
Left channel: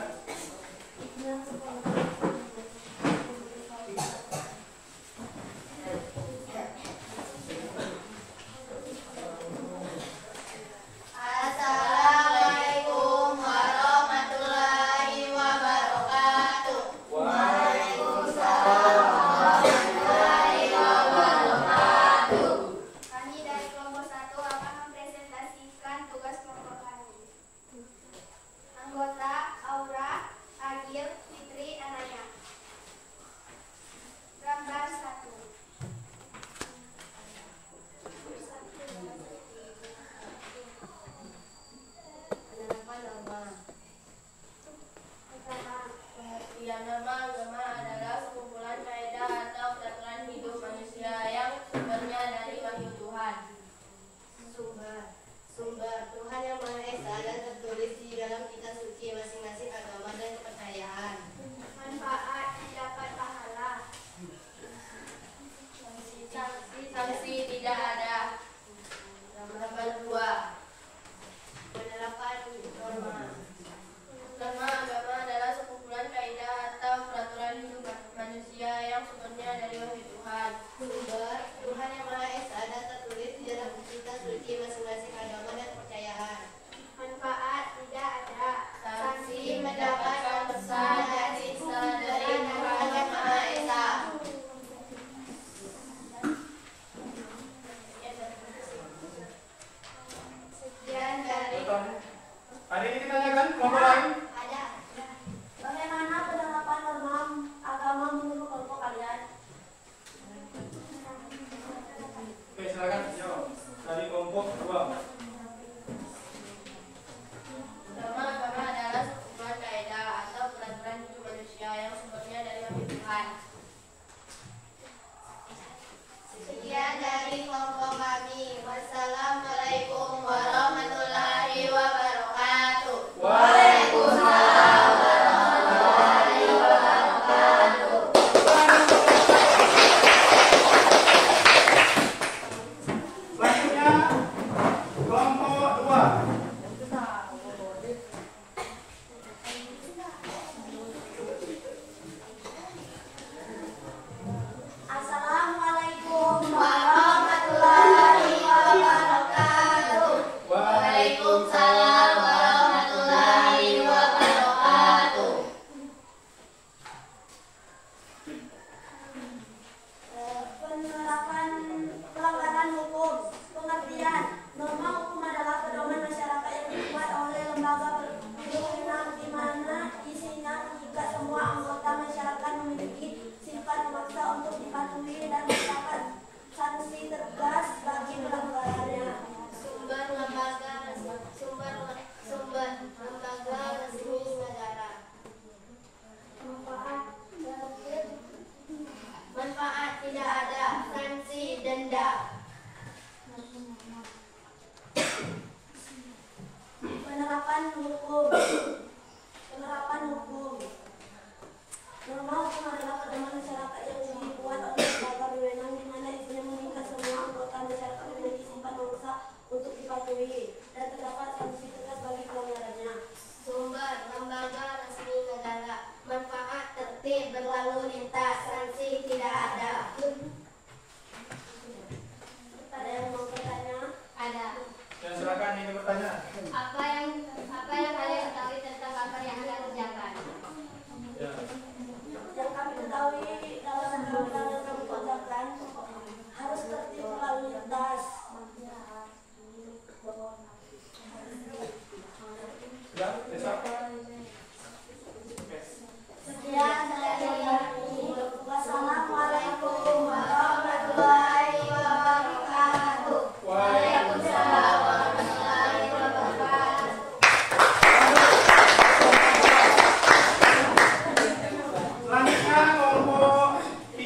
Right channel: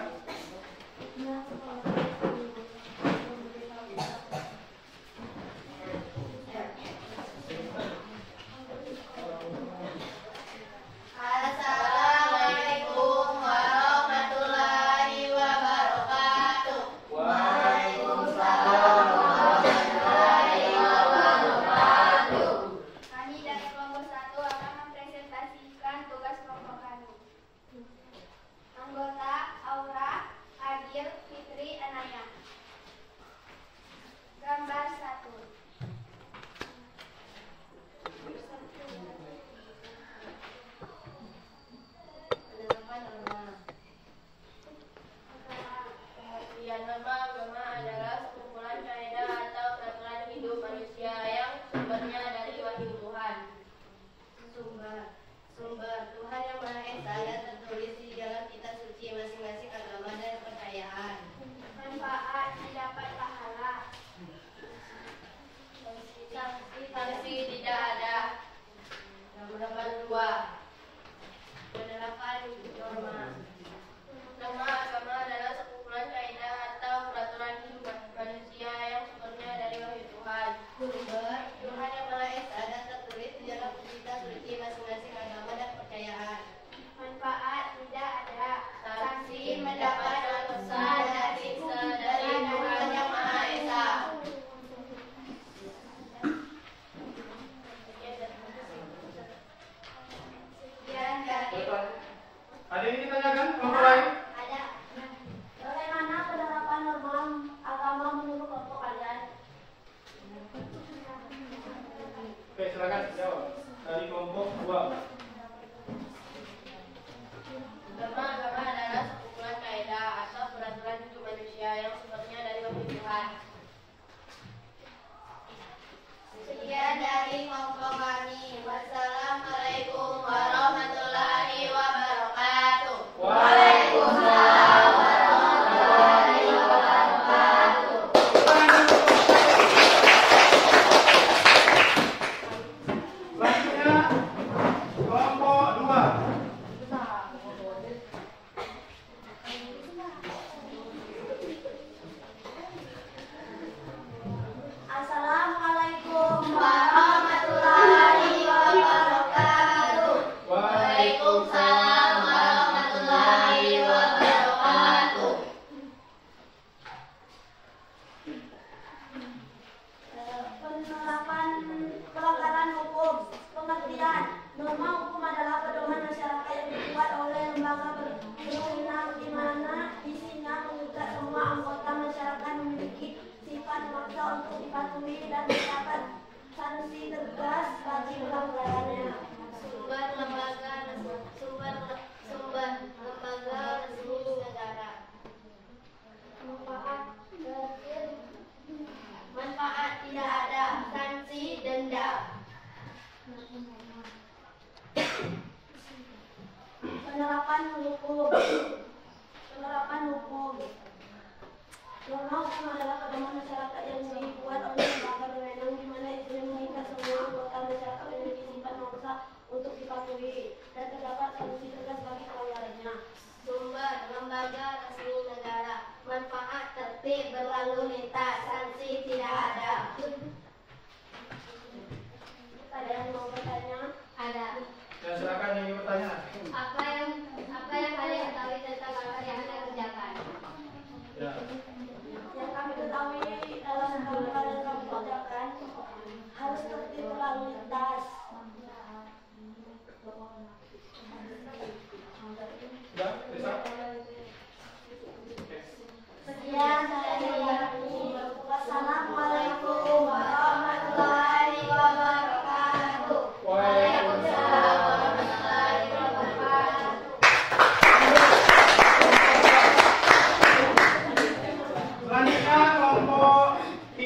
Assalamualaikum warahmatullahi wabarakatuh. Waalaikumsalam warahmatullahi wabarakatuh. Kami dari kelompok 1 akan mempresentasikan tugas kelompok kami. Anggota Aura,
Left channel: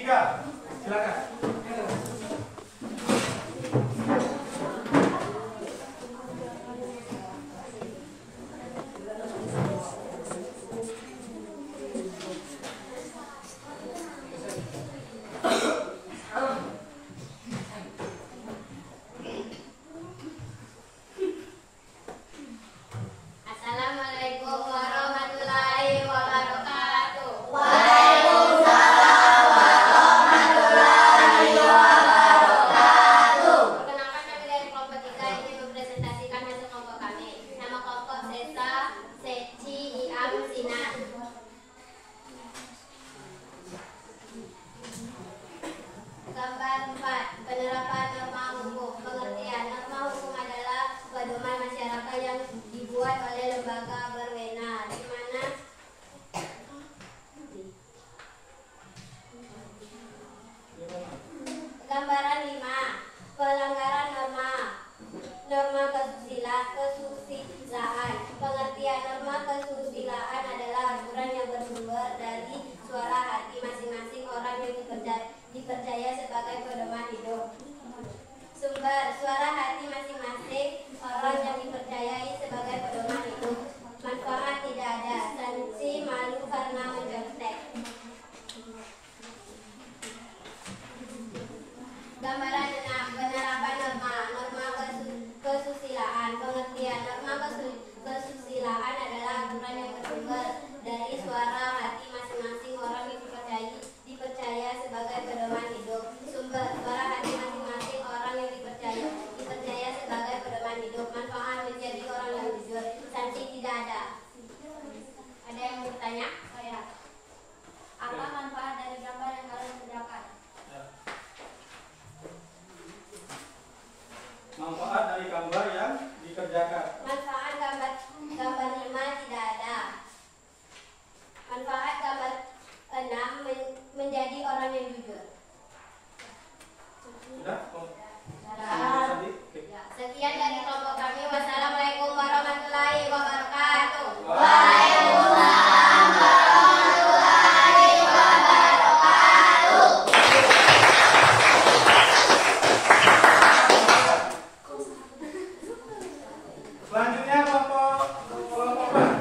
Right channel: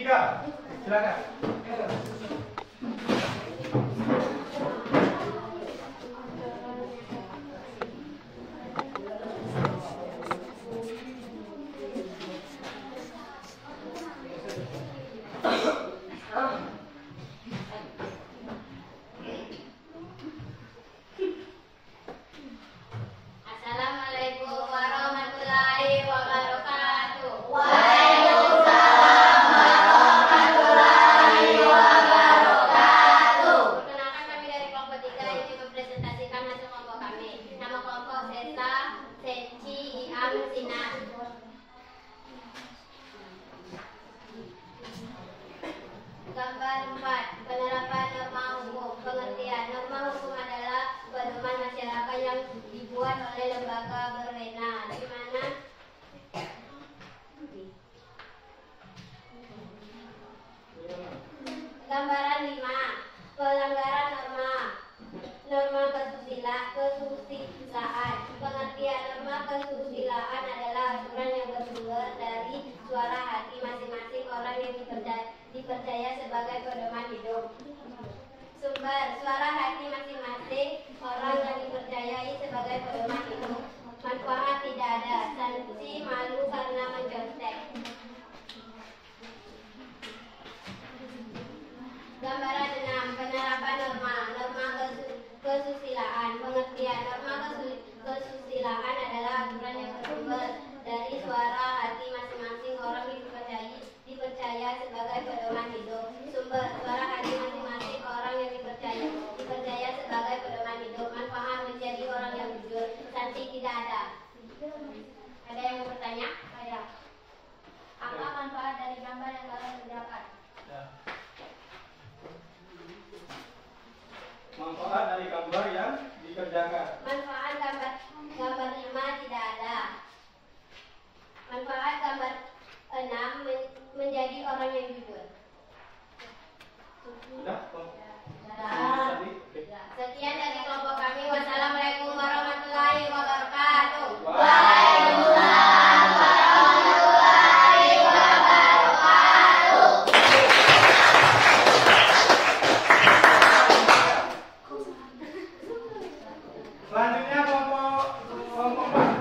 ketiga, silakan. Assalamualaikum warahmatullahi wabarakatuh. Perkenalkan, kami dari kelompok 3 ingin mempresentasikan hasil kelompok kami. Nama kelompok Seta, Seci, Iam, Sinan. Gambar 4. Penerapan norma hukum. Pengertian norma hukum adalah pedoman masyarakat yang dibuat oleh lembaga berwenang, di mana gambaran 5. Pelanggaran norma. Norma kesusilaan. Pengertian norma kesusilaan adalah aturan yang bersumber dari suara hati masing-masing orang yang dipercaya sebagai pedoman hidup. Sumber suara hati masing-masing orang yang dipercayai sebagai pedoman hidup. Manfaat tidak ada. Sanksi malu karena mencontek. Gambaran 6. Penerapan norma. Norma kesusilaan. Pengertian norma kesusilaan adalah aturan yang bersumber dari suara hati masing-masing orang yang dipercaya sebagai pedoman hidup. Sumber suara hati masing-masing orang yang dipercaya sebagai pedoman hidup. Manfaat menjadi orang yang jujur. Sanksi tidak ada. Ada yang mau bertanya? Oh ya. Apa manfaat dari gambar yang kalian kerjakan? Manfaat dari gambar yang dikerjakan. Manfaat gambar 5 tidak ada. Manfaat gambar 6 menjadi orang yang jujur. Sudah? Tadi? Oke. Sekian dari kelompok kami. Wassalamualaikum warahmatullahi wabarakatuh. Selanjutnya kelompok 4.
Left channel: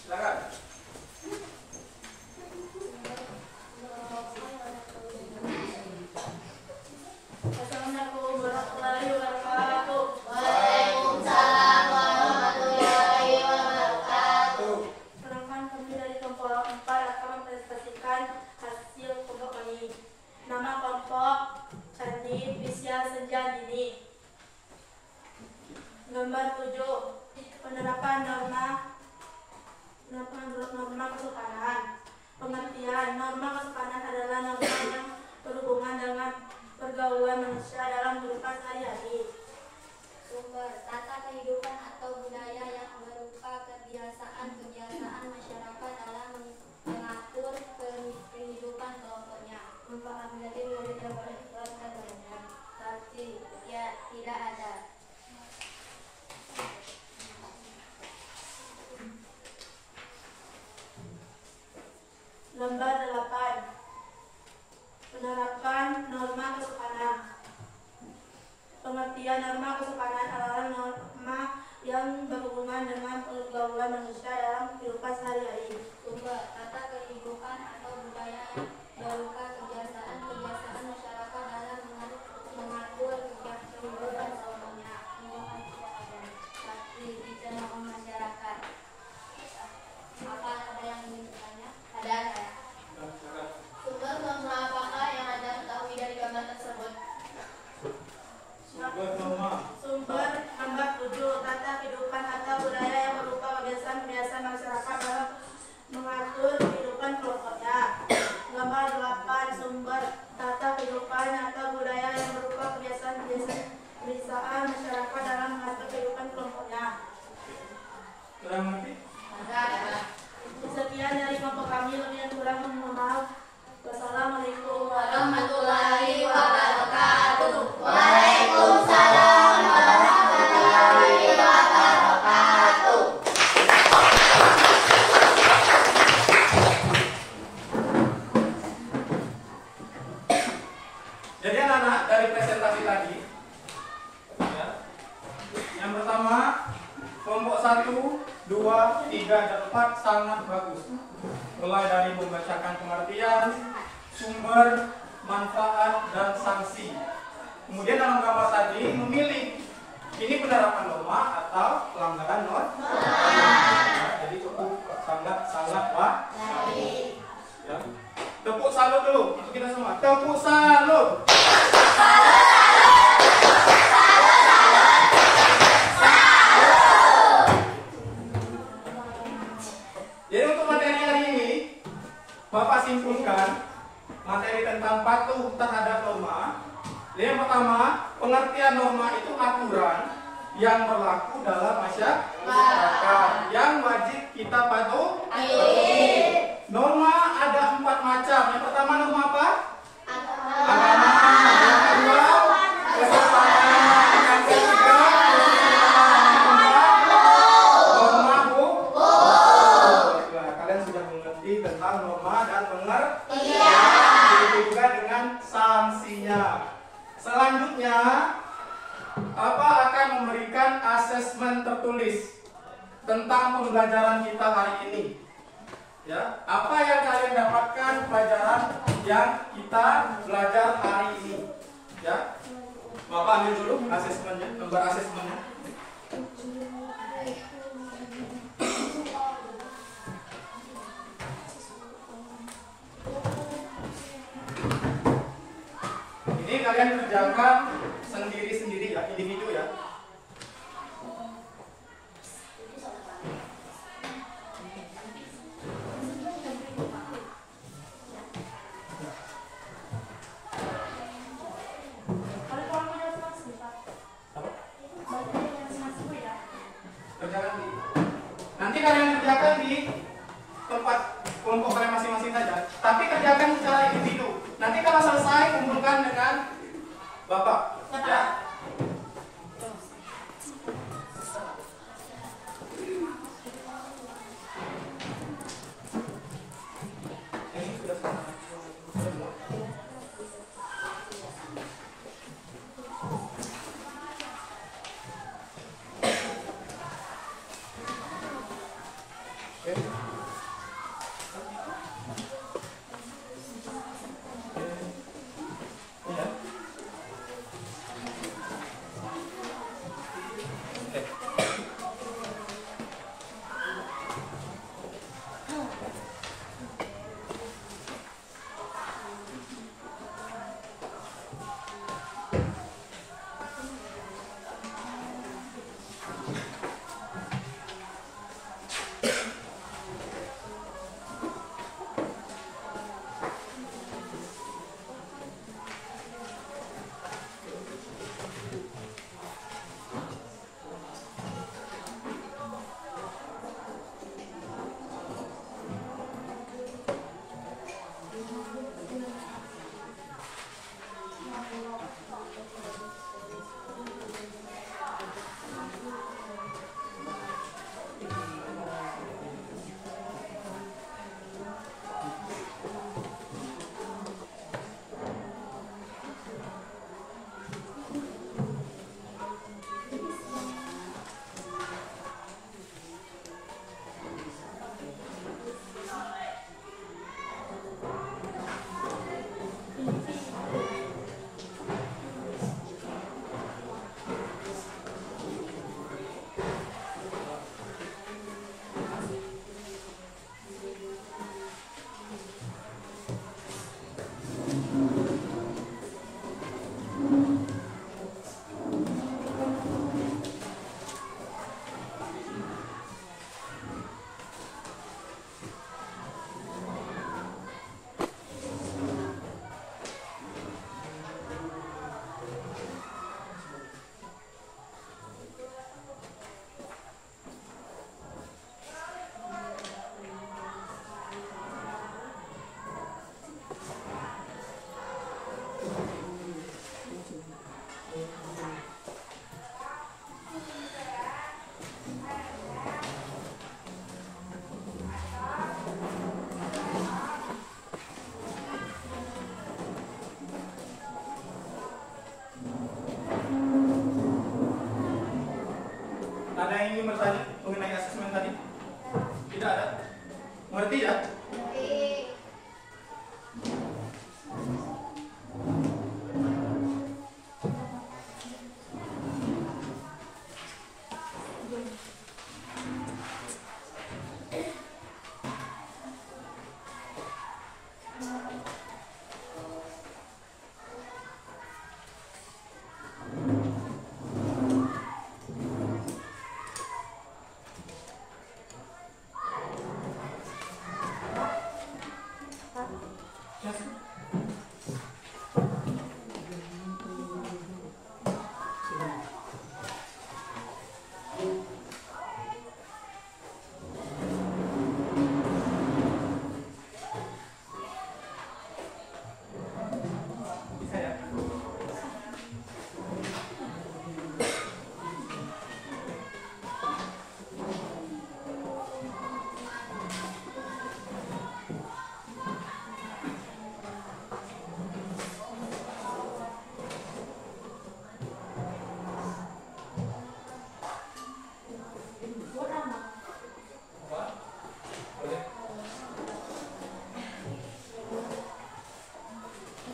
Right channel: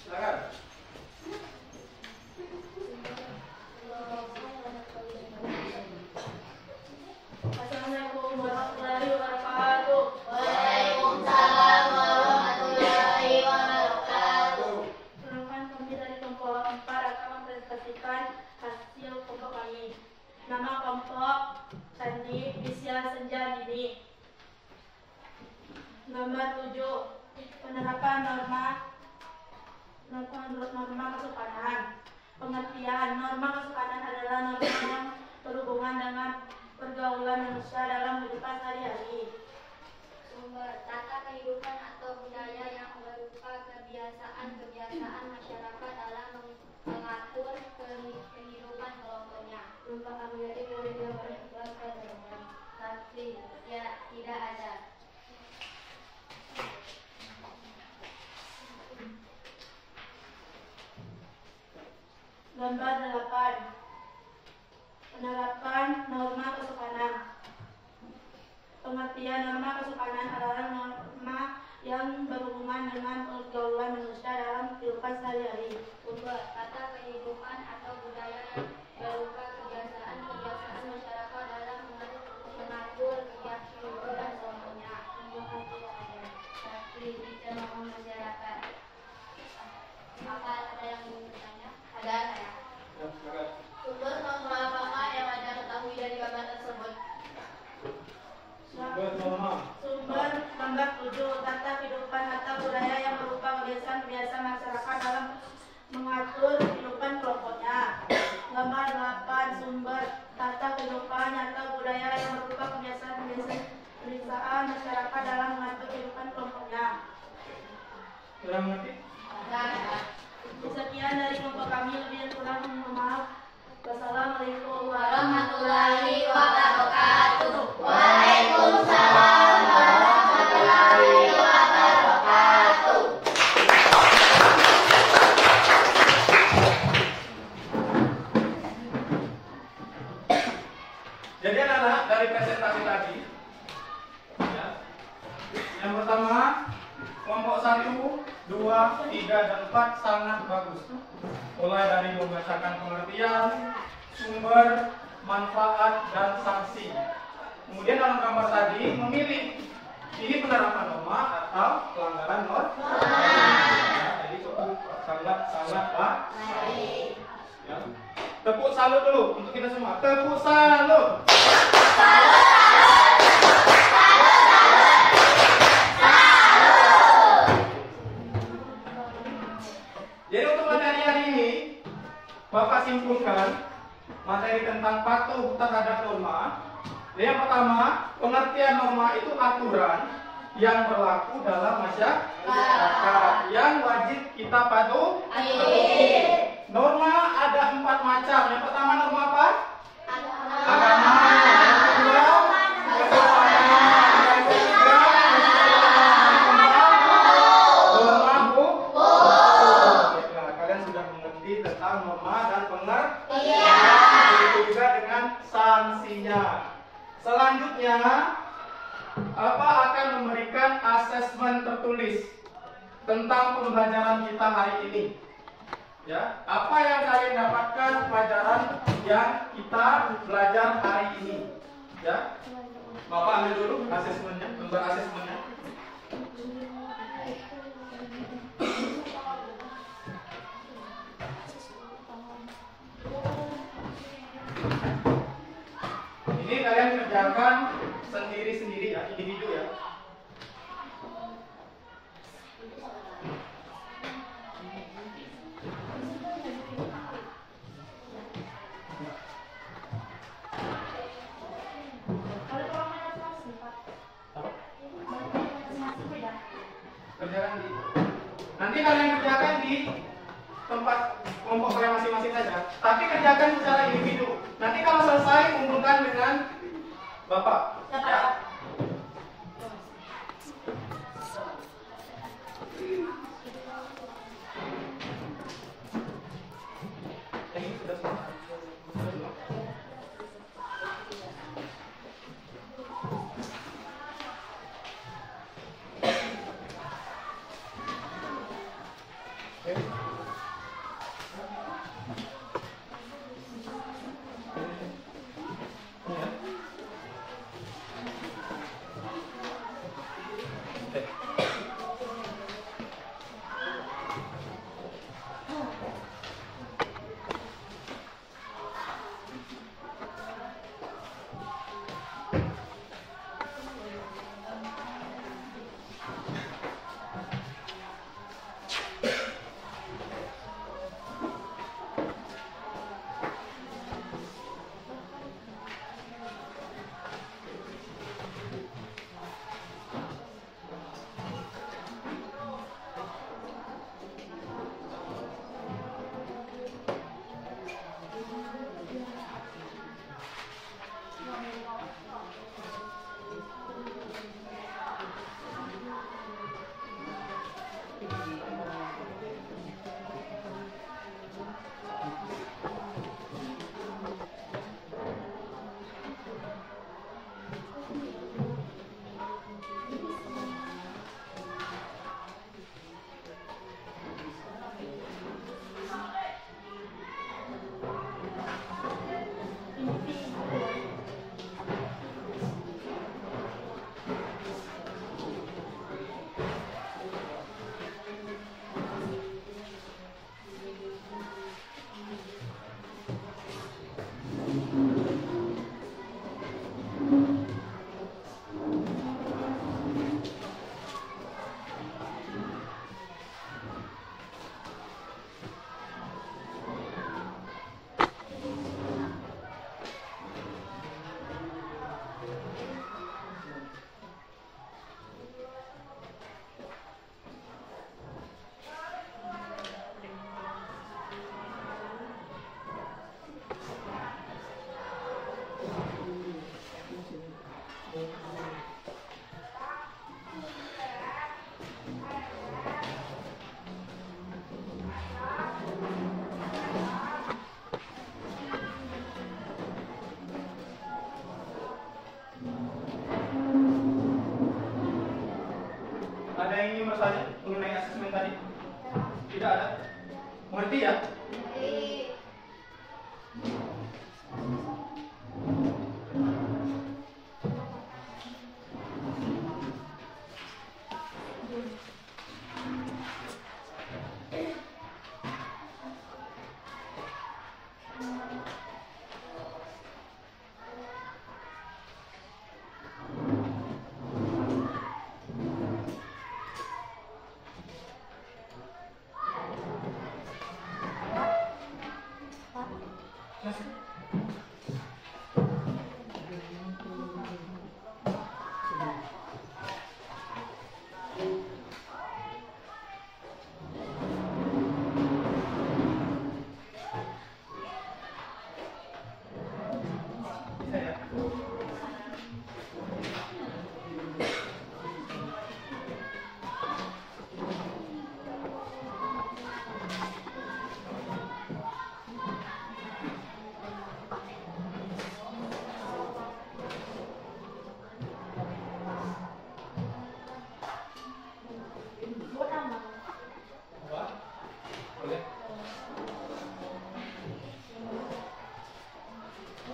Silakan. Assalamualaikum warahmatullahi wabarakatuh. Waalaikumsalam warahmatullahi wabarakatuh. Perkenalkan, kami dari kelompok 4 akan mempresentasikan hasil kelompok kami. Nama kelompok Candi Visia Senja Dini. Nomor 7. Penerapan norma kesopanan. Pengertian norma kesopanan adalah norma yang berhubungan dengan pergaulan manusia dalam kehidupan sehari-hari. Sumber tata kehidupan atau budaya yang berupa kebiasaan masyarakat dalam mengatur kehidupan kelompoknya. Manfaat menjadi murid yang berikhlas kepadanya. Tapi ya tidak ada. Lembar 8. Penerapan norma kesopanan. Pengertian norma kesopanan adalah norma yang berhubungan dengan pergaulan manusia dalam kehidupan sehari-hari. Sumber tata kehidupan atau budaya yang berupa kebiasaan masyarakat dalam mengatur kehidupan kelompoknya. Tapi bicara masyarakat. Apa ada yang ingin bertanya? Ada saya. Silakan. Sumber norma apakah yang Anda ketahui dari gambar tersebut? Sumber norma. Sumber nomor 7. Tata kehidupan atau budaya yang berupa kebiasaan masyarakat dalam mengatur kehidupan kelompoknya. Nomor 8. Sumber tata kehidupan atau budaya yang berupa kebiasaan masyarakat dalam mengatur kehidupan kelompoknya. Sudah mengerti? Sekian dari kelompok kami, lebih dan kurang mohon maaf. Wassalamualaikum Warahmatullahi wabarakatuh. Waalaikumsalam warahmatullahi wabarakatuh. dari presentasi tadi. Ya. Yang pertama, kelompok 1, 2, 3, dan 4 sangat bagus. Mulai dari membacakan pengertian, sumber, manfaat, dan sanksi. Kemudian dalam gambar tadi memilih ini penerapan norma atau pelanggaran norma. Ya, jadi cukup sangat baik. Ya. Tepuk salut dulu untuk kita semua. Tepuk salut. Jadi untuk materi hari ini, Bapak simpulkan materi tentang patuh terhadap norma. Yang pertama, pengertian norma itu aturan yang berlaku dalam masyarakat yang wajib kita patuhi. Norma ada 4 macam. Yang pertama norma apa? Agama. Yang kedua, kesehatan. Yang ketiga, norma hukum. Nah, kalian sudah mengerti tentang norma dan pengertian. Begitu juga dengan sanksinya. Selanjutnya, apa akan memberikan asesmen tertulis tentang pembelajaran kita hari ini. Ya, apa yang kalian dapatkan pelajaran yang kita belajar hari ini? Ya, Bapak ambil dulu asesmennya, nomor asesmennya. Ini kalian kerjakan sendiri-sendiri ya, individu ya. Kerjakan nanti kalian kerjakan di tempat kelompok kalian masing-masing saja. Tapi kerjakan secara individu. Nanti kalau selesai kumpulkan dengan Bapak. Ya. Ini sudah selesai. bertanya mengenai asesmen tadi? Tidak ada. Mengerti ya?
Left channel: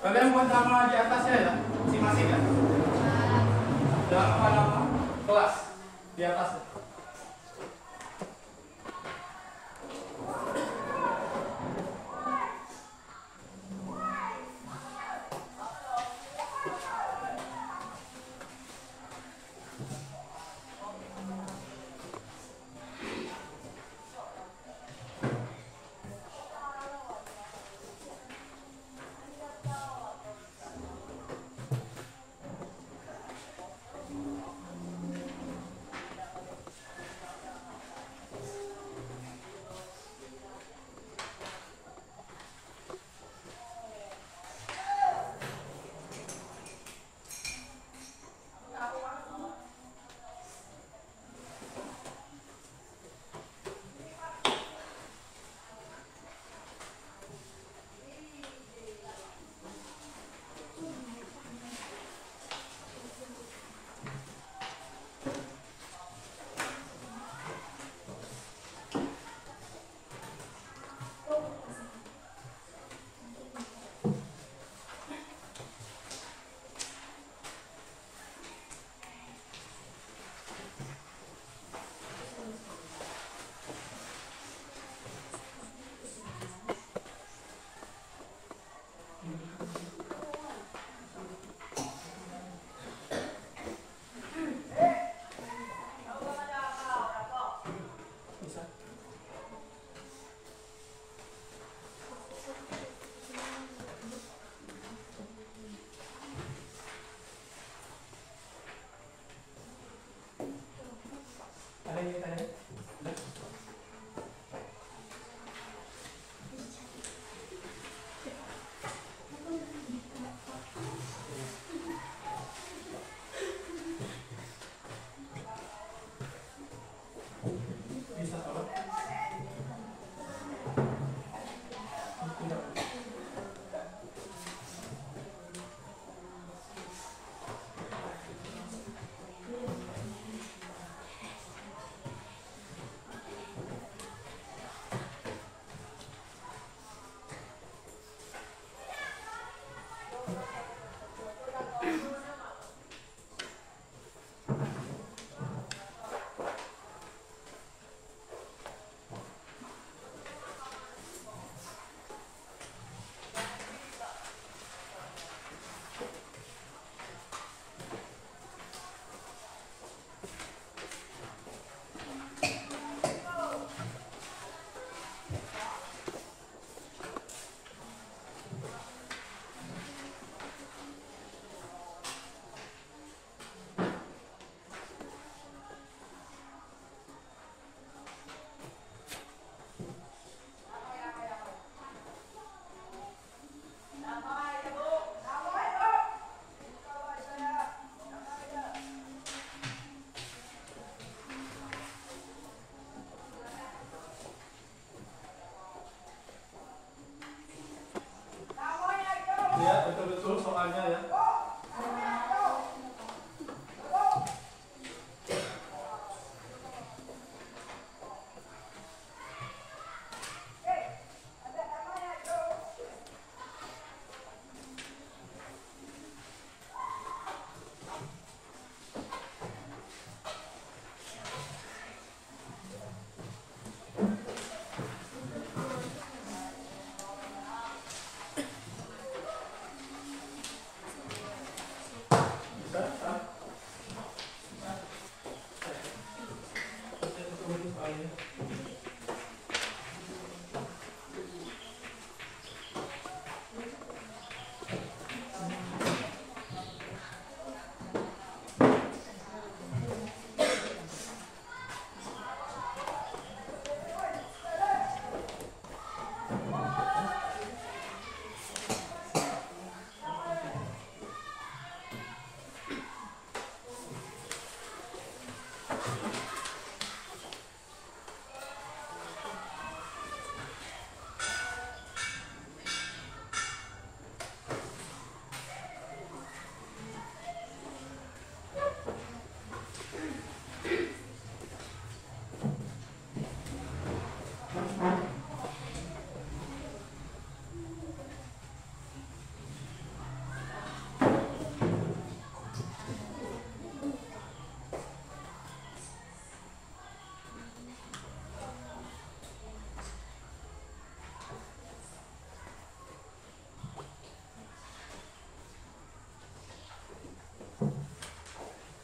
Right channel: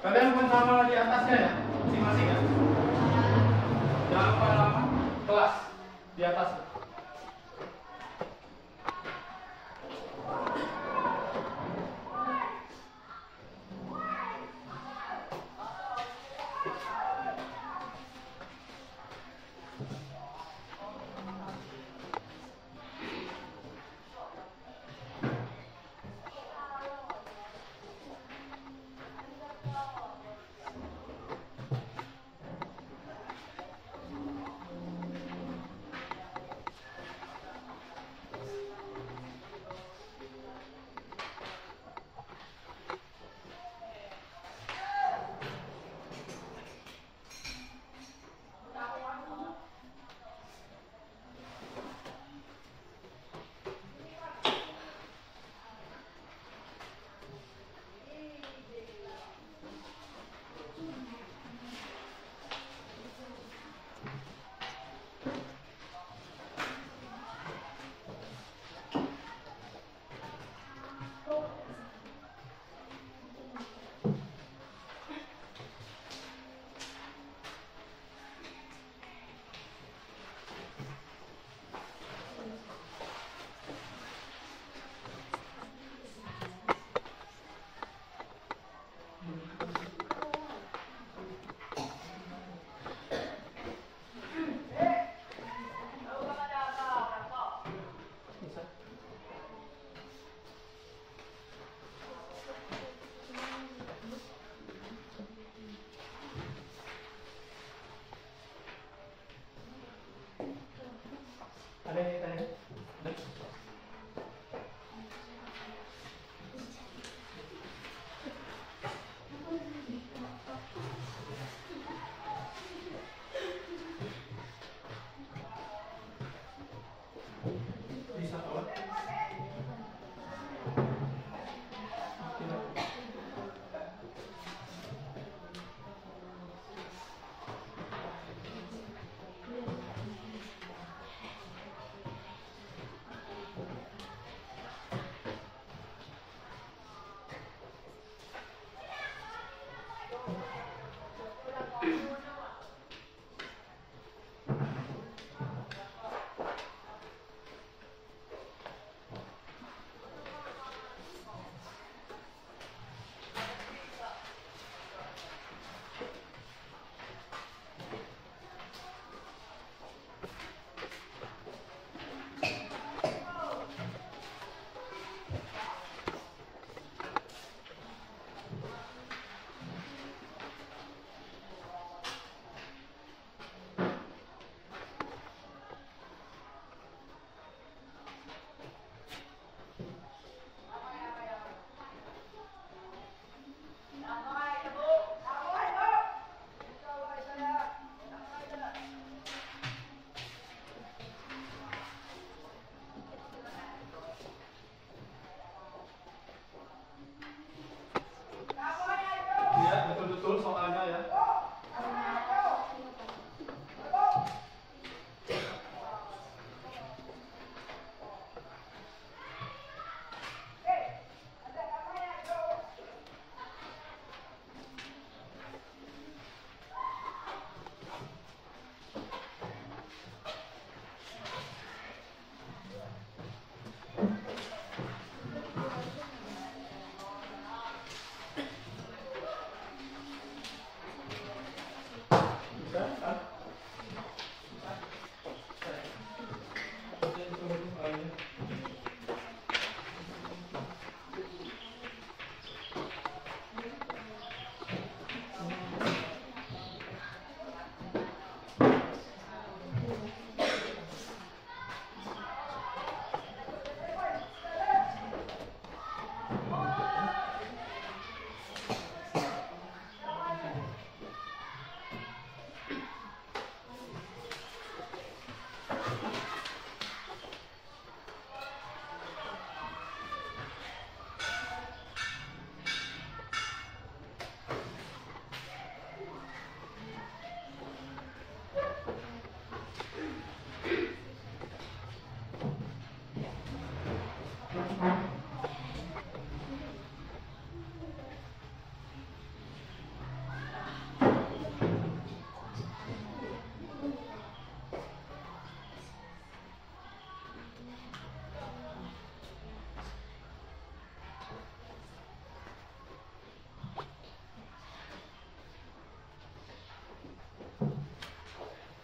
Kalian buat nama di atasnya ya, masing-masing ya. Jangan lupa nama kelas di atasnya.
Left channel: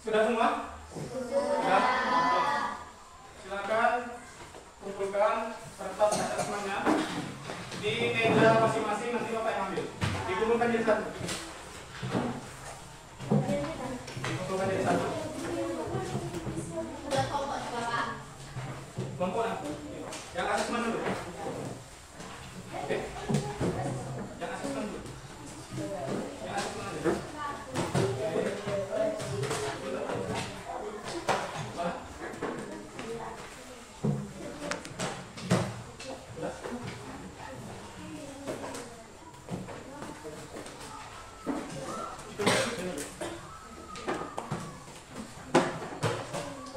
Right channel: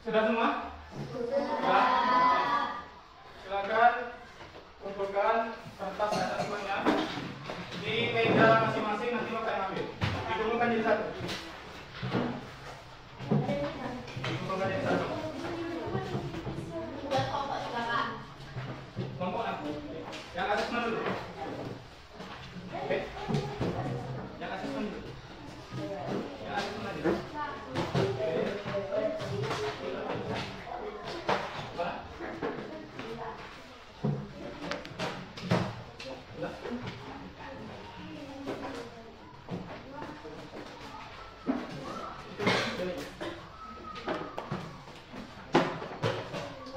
Sudah semua? Sudah. Silakan kumpulkan kertas asesmennya di meja masing-masing, nanti Bapak yang ambil. Dikumpulkan jadi satu. Dikumpulkan jadi satu. Buat kelompok juga, Pak. Kelompok aku. Yang asesmen dulu. Oke. Yang asesmen dulu. Yang asesmen aja.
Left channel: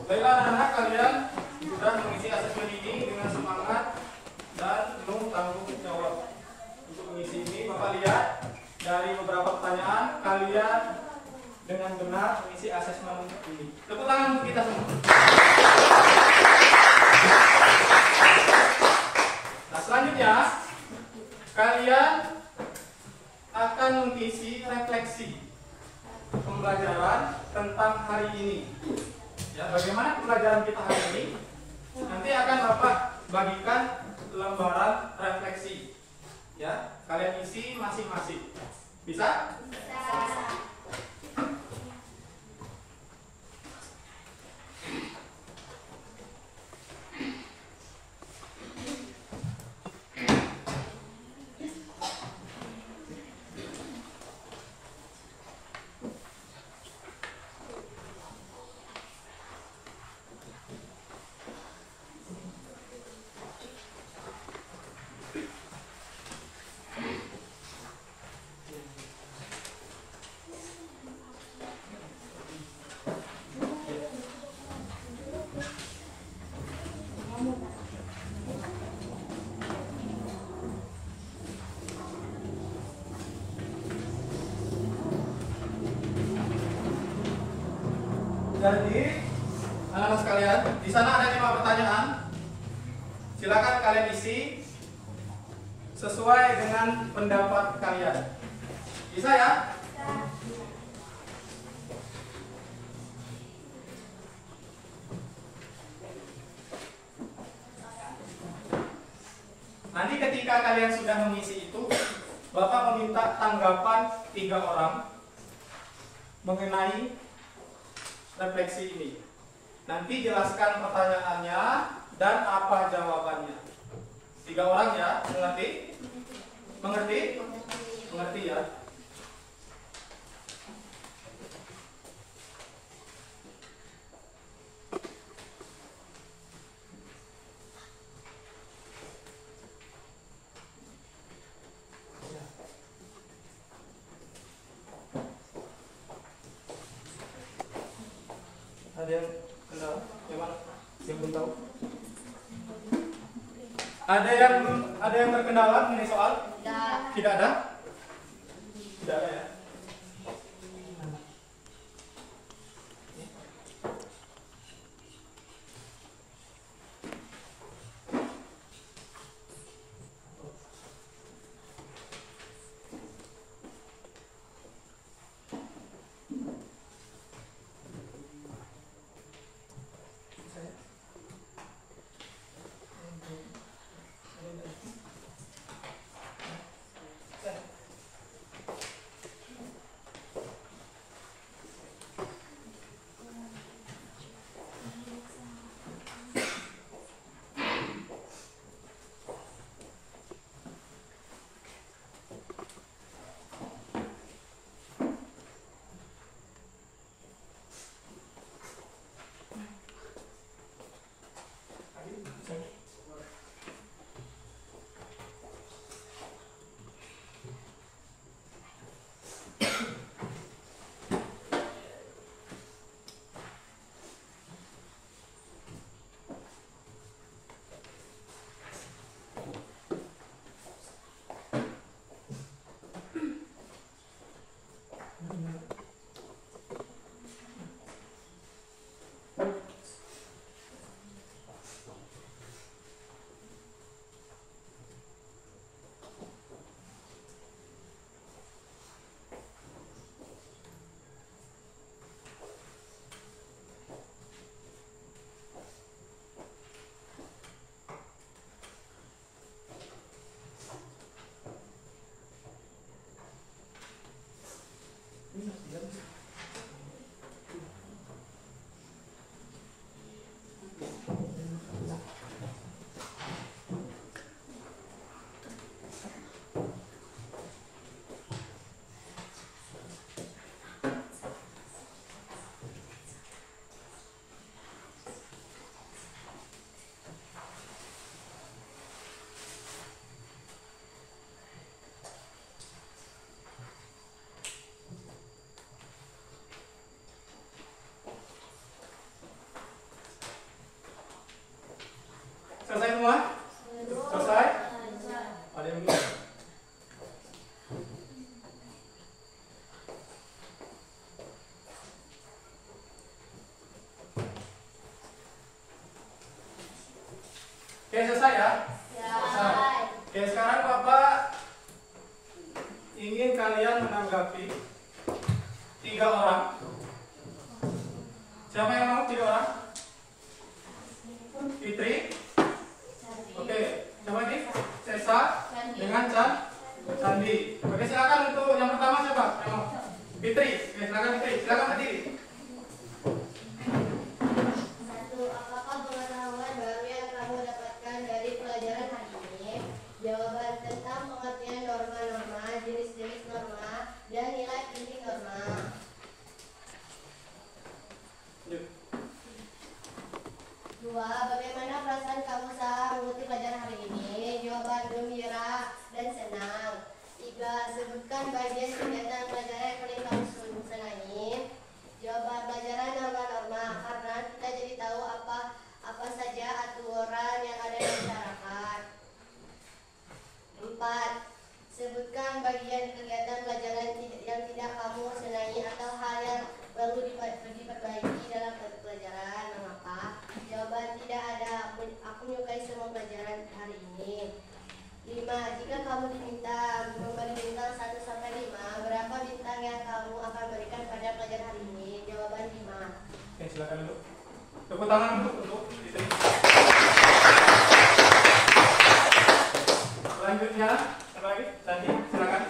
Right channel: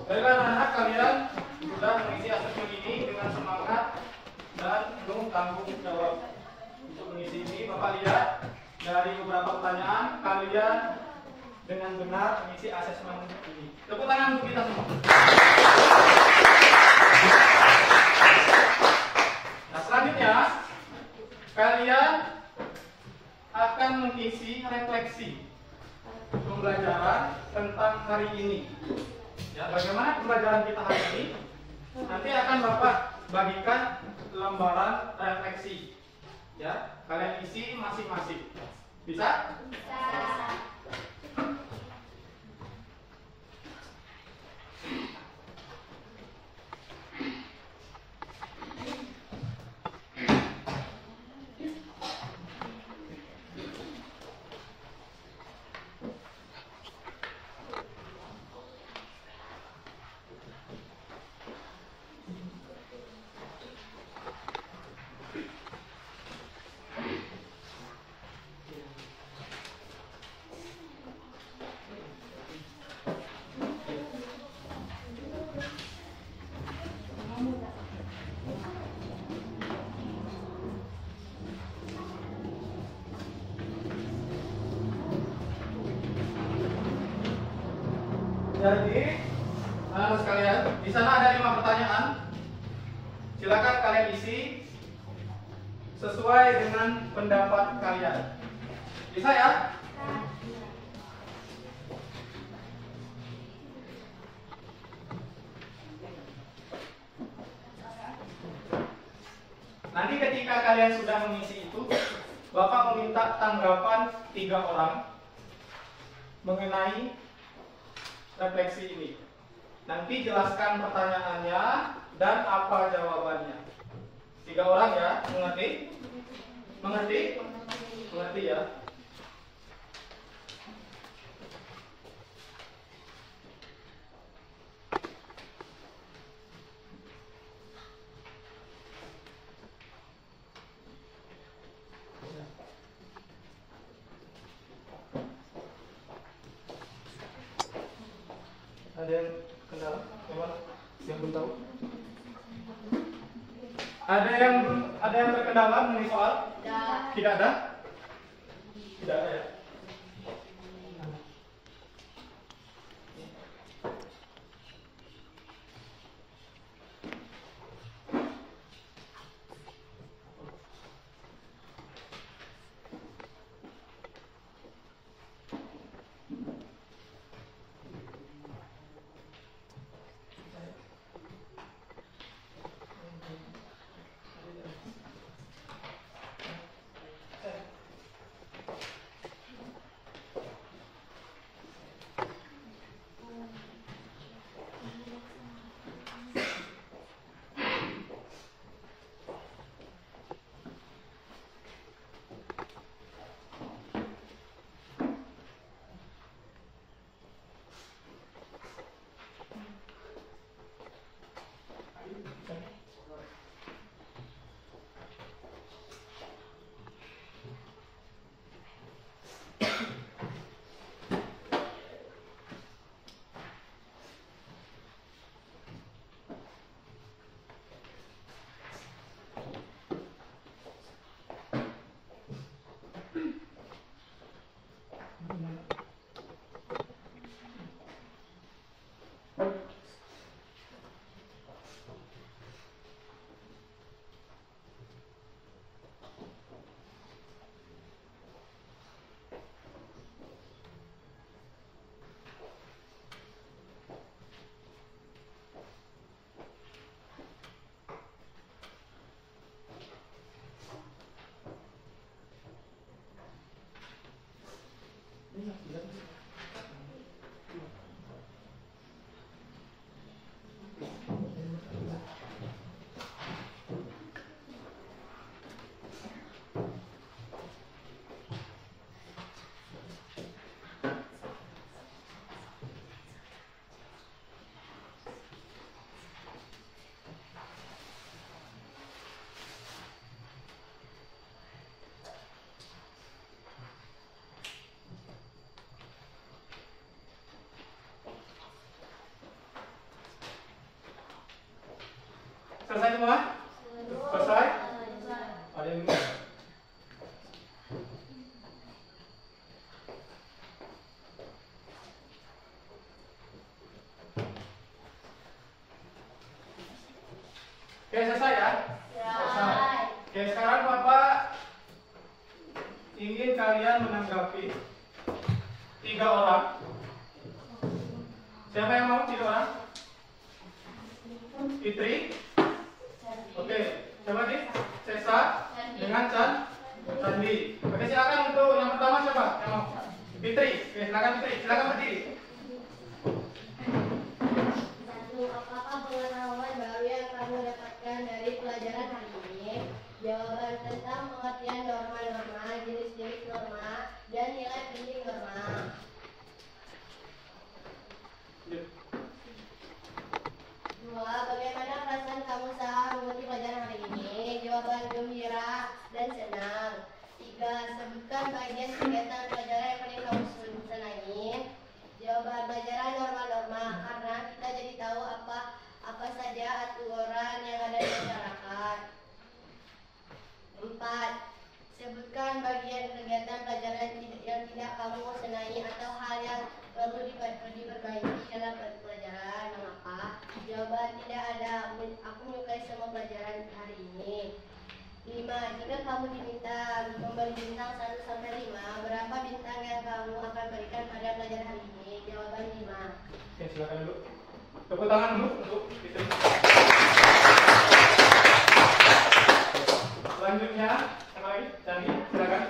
Baiklah anak-anak, kalian sudah mengisi asesmen ini dengan semangat dan penuh tanggung jawab. Untuk mengisi ini, Bapak lihat dari beberapa pertanyaan, kalian dengan benar mengisi asesmen ini. Tepuk tangan untuk kita semua. Nah, selanjutnya kalian akan mengisi refleksi pembelajaran tentang hari ini. Ya, bagaimana pembelajaran kita hari ini? Nanti akan Bapak bagikan lembaran refleksi. Ya, kalian isi masing-masing. Bisa? Jadi, anak-anak sekalian, di sana ada 5 pertanyaan. Silakan kalian isi sesuai dengan pendapat kalian. Bisa ya? Nanti ketika kalian sudah mengisi itu, Bapak meminta tanggapan 3 orang mengenai refleksi ini. Nanti jelaskan pertanyaannya dan apa jawabannya. 3 orang ya, mengerti? Mengerti? Mengerti ya? Ada yang kenal? Memang yang belum tahu? Ada yang terkendala mengenai soal? Tidak ada? Tidak ada ya? Selesai semua? Selesai? Ada yang belum? Oke, selesai ya? Selesai. Oke, sekarang Bapak ingin kalian menanggapi 3 orang. Siapa yang mau 3 orang? Fitri. Oke, siapa lagi? Sesa dengan Candi. Oke, silakan untuk yang pertama siapa? Yang mau? Fitri. Oke, silakan Fitri. Silakan berdiri. Satu, apakah pengetahuan baru yang kamu dapatkan dari pelajaran hari ini? Jawaban tentang pengertian norma-norma, jenis-jenis norma, dan nilai penting norma. Dua, bagaimana perasaan kamu saat mengikuti pelajaran hari ini? Jawaban gembira dan senang. Tiga, sebutkan bagian kegiatan pelajaran yang paling kamu senangi. Jawaban pelajaran norma-norma, karena kita jadi tahu apa saja aturan yang ada di masyarakat. Empat, sebutkan bagian kegiatan pelajaran yang tidak kamu senangi atau hal yang perlu diperbaiki dalam pelajaran. Mengapa? Jawaban tidak ada. Aku menyukai semua pelajaran hari ini. 5. Jika kamu diminta memberi bintang 1 sampai 5, berapa bintang yang kamu akan berikan pada pelajaran hari ini? Jawaban 5. Oke, silakan dulu. Tepuk tangan dulu untuk Fitri. Selanjutnya, apa lagi? Candi, silakan.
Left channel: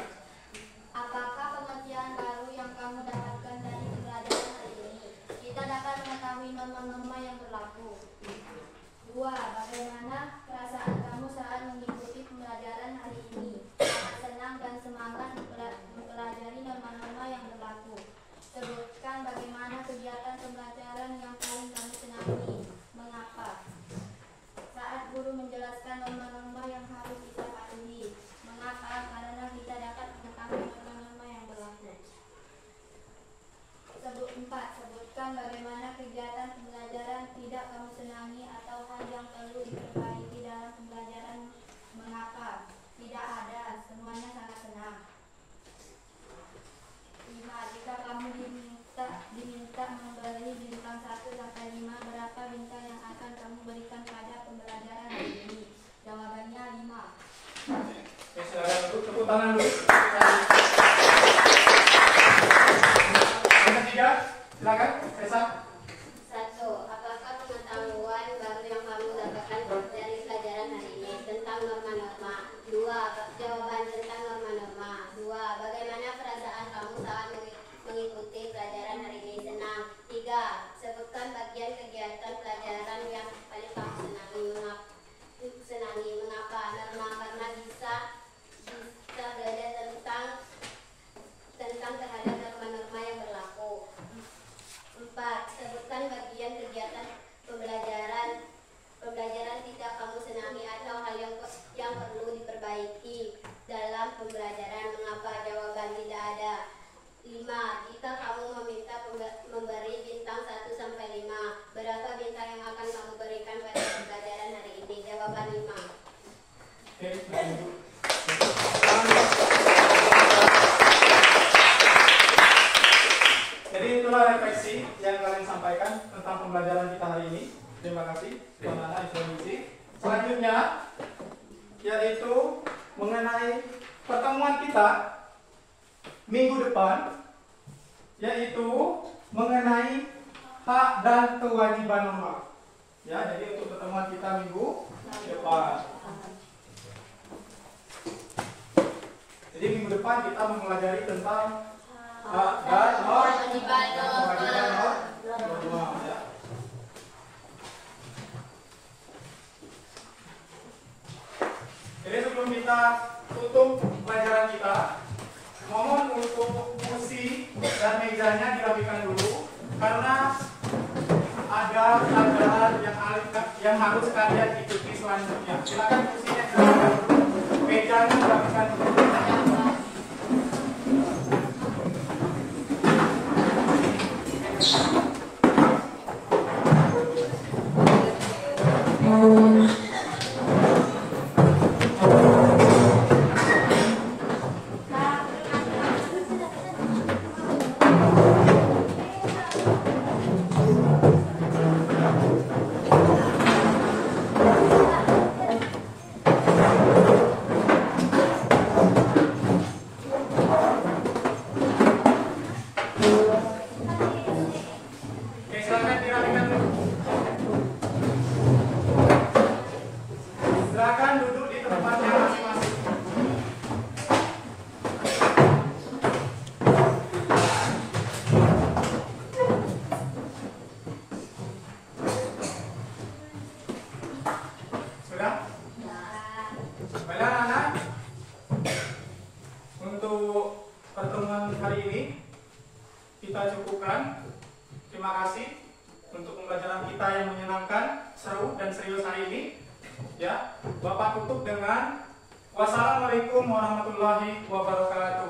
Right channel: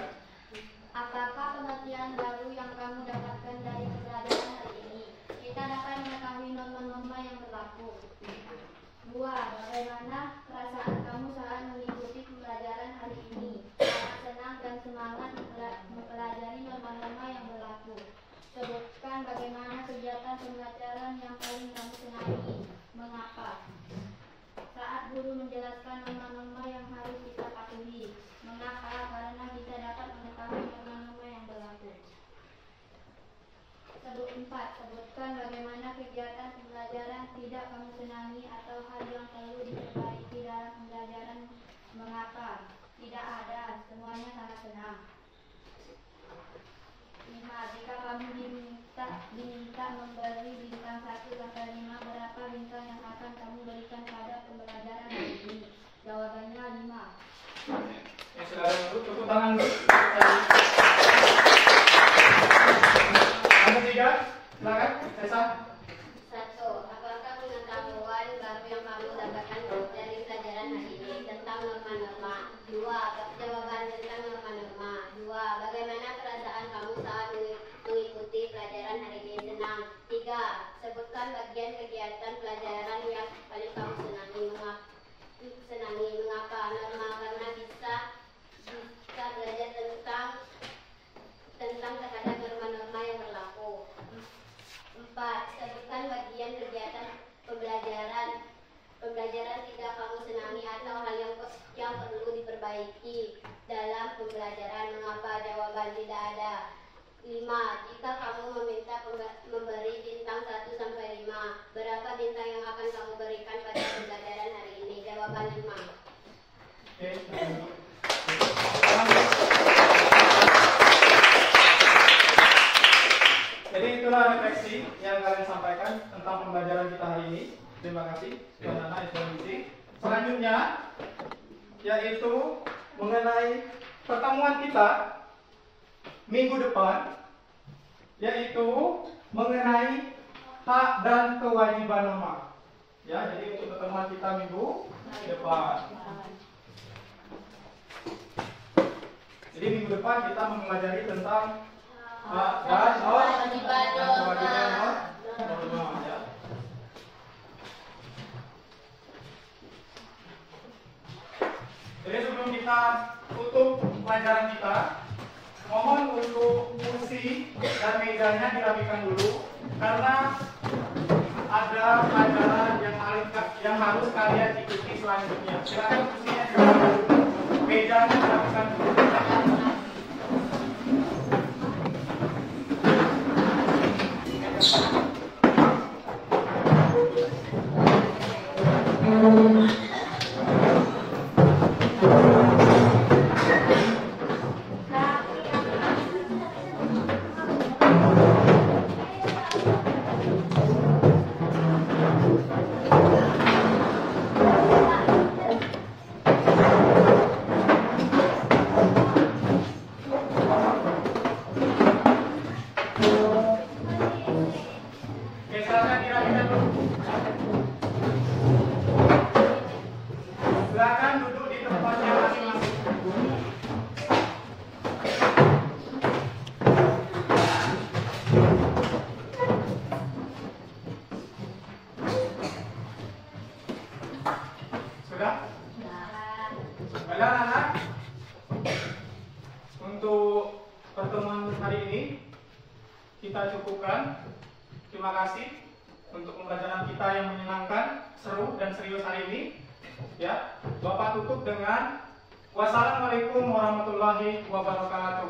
Apakah pengertian baru yang kamu dapatkan dari pelajaran hari ini? Kita dapat mengetahui norma-norma yang berlaku. 2. Bagaimana perasaan kamu saat mengikuti pembelajaran hari ini? Sangat senang dan semangat mempelajari norma-norma yang berlaku. Sebutkan bagaimana kegiatan pembelajaran yang paling kamu senangi. Mengapa? Saat guru menjelaskan norma-norma yang harus kita patuhi. Mengapa? Karena kita dapat mengetahui norma-norma yang berlaku. 4. Sebutkan bagaimana kegiatan pembelajaran tidak kamu senangi atau hal yang perlu diperbaiki dalam pembelajaran. Mengapa? Tidak ada, semuanya sangat senang. 5. Jika kamu diminta memberi bintang 1 sampai 5, berapa bintang yang akan kamu berikan pada pembelajaran hari ini? Jawabannya 5. Oke, silakan dulu. Tepuk tangan dulu. Yang ketiga, silakan. Esa. 1. Apakah pengetahuan baru yang kamu dapatkan dari pelajaran hari ini tentang norma-norma? 2. Jawaban tentang norma-norma. 2. Bagaimana perasaan kamu saat mengikuti pelajaran hari ini? Senang. 3. Sebutkan bagian kegiatan pelajaran yang paling kamu senangi. Mengapa? Norma, karena bisa belajar tentang terhadap norma-norma yang berlaku. 4. Sebutkan bagian kegiatan pembelajaran tidak kamu senangi atau hal yang perlu diperbaiki dalam pembelajaran. Mengapa? Jawaban tidak ada. 5. Jika kamu meminta memberi bintang 1 sampai 5, berapa bintang yang akan kamu berikan pada pembelajaran hari ini? Jawaban 5. Oke, jadi itulah refleksi yang kalian sampaikan tentang pembelajaran kita hari ini. Terima kasih, Tuan Nana, Isu. Selanjutnya, yaitu mengenai pertemuan kita minggu depan, yaitu mengenai hak dan kewajiban norma. Ya, jadi untuk pertemuan kita minggu depan. Jadi minggu depan kita mempelajari tentang hak dan kewajiban norma. Ya. Jadi sebelum kita tutup pelajaran kita, mohon untuk kursi dan mejanya dirapikan dulu karena ada pelajaran yang harus kalian ikuti selanjutnya. Silakan kursinya dirapikan dulu, mejanya dirapikan dulu. hari ini kita cukupkan. Terima kasih untuk pembelajaran kita yang menyenangkan, seru dan serius hari ini. Ya, Bapak tutup dengan wassalamualaikum warahmatullahi wabarakatuh.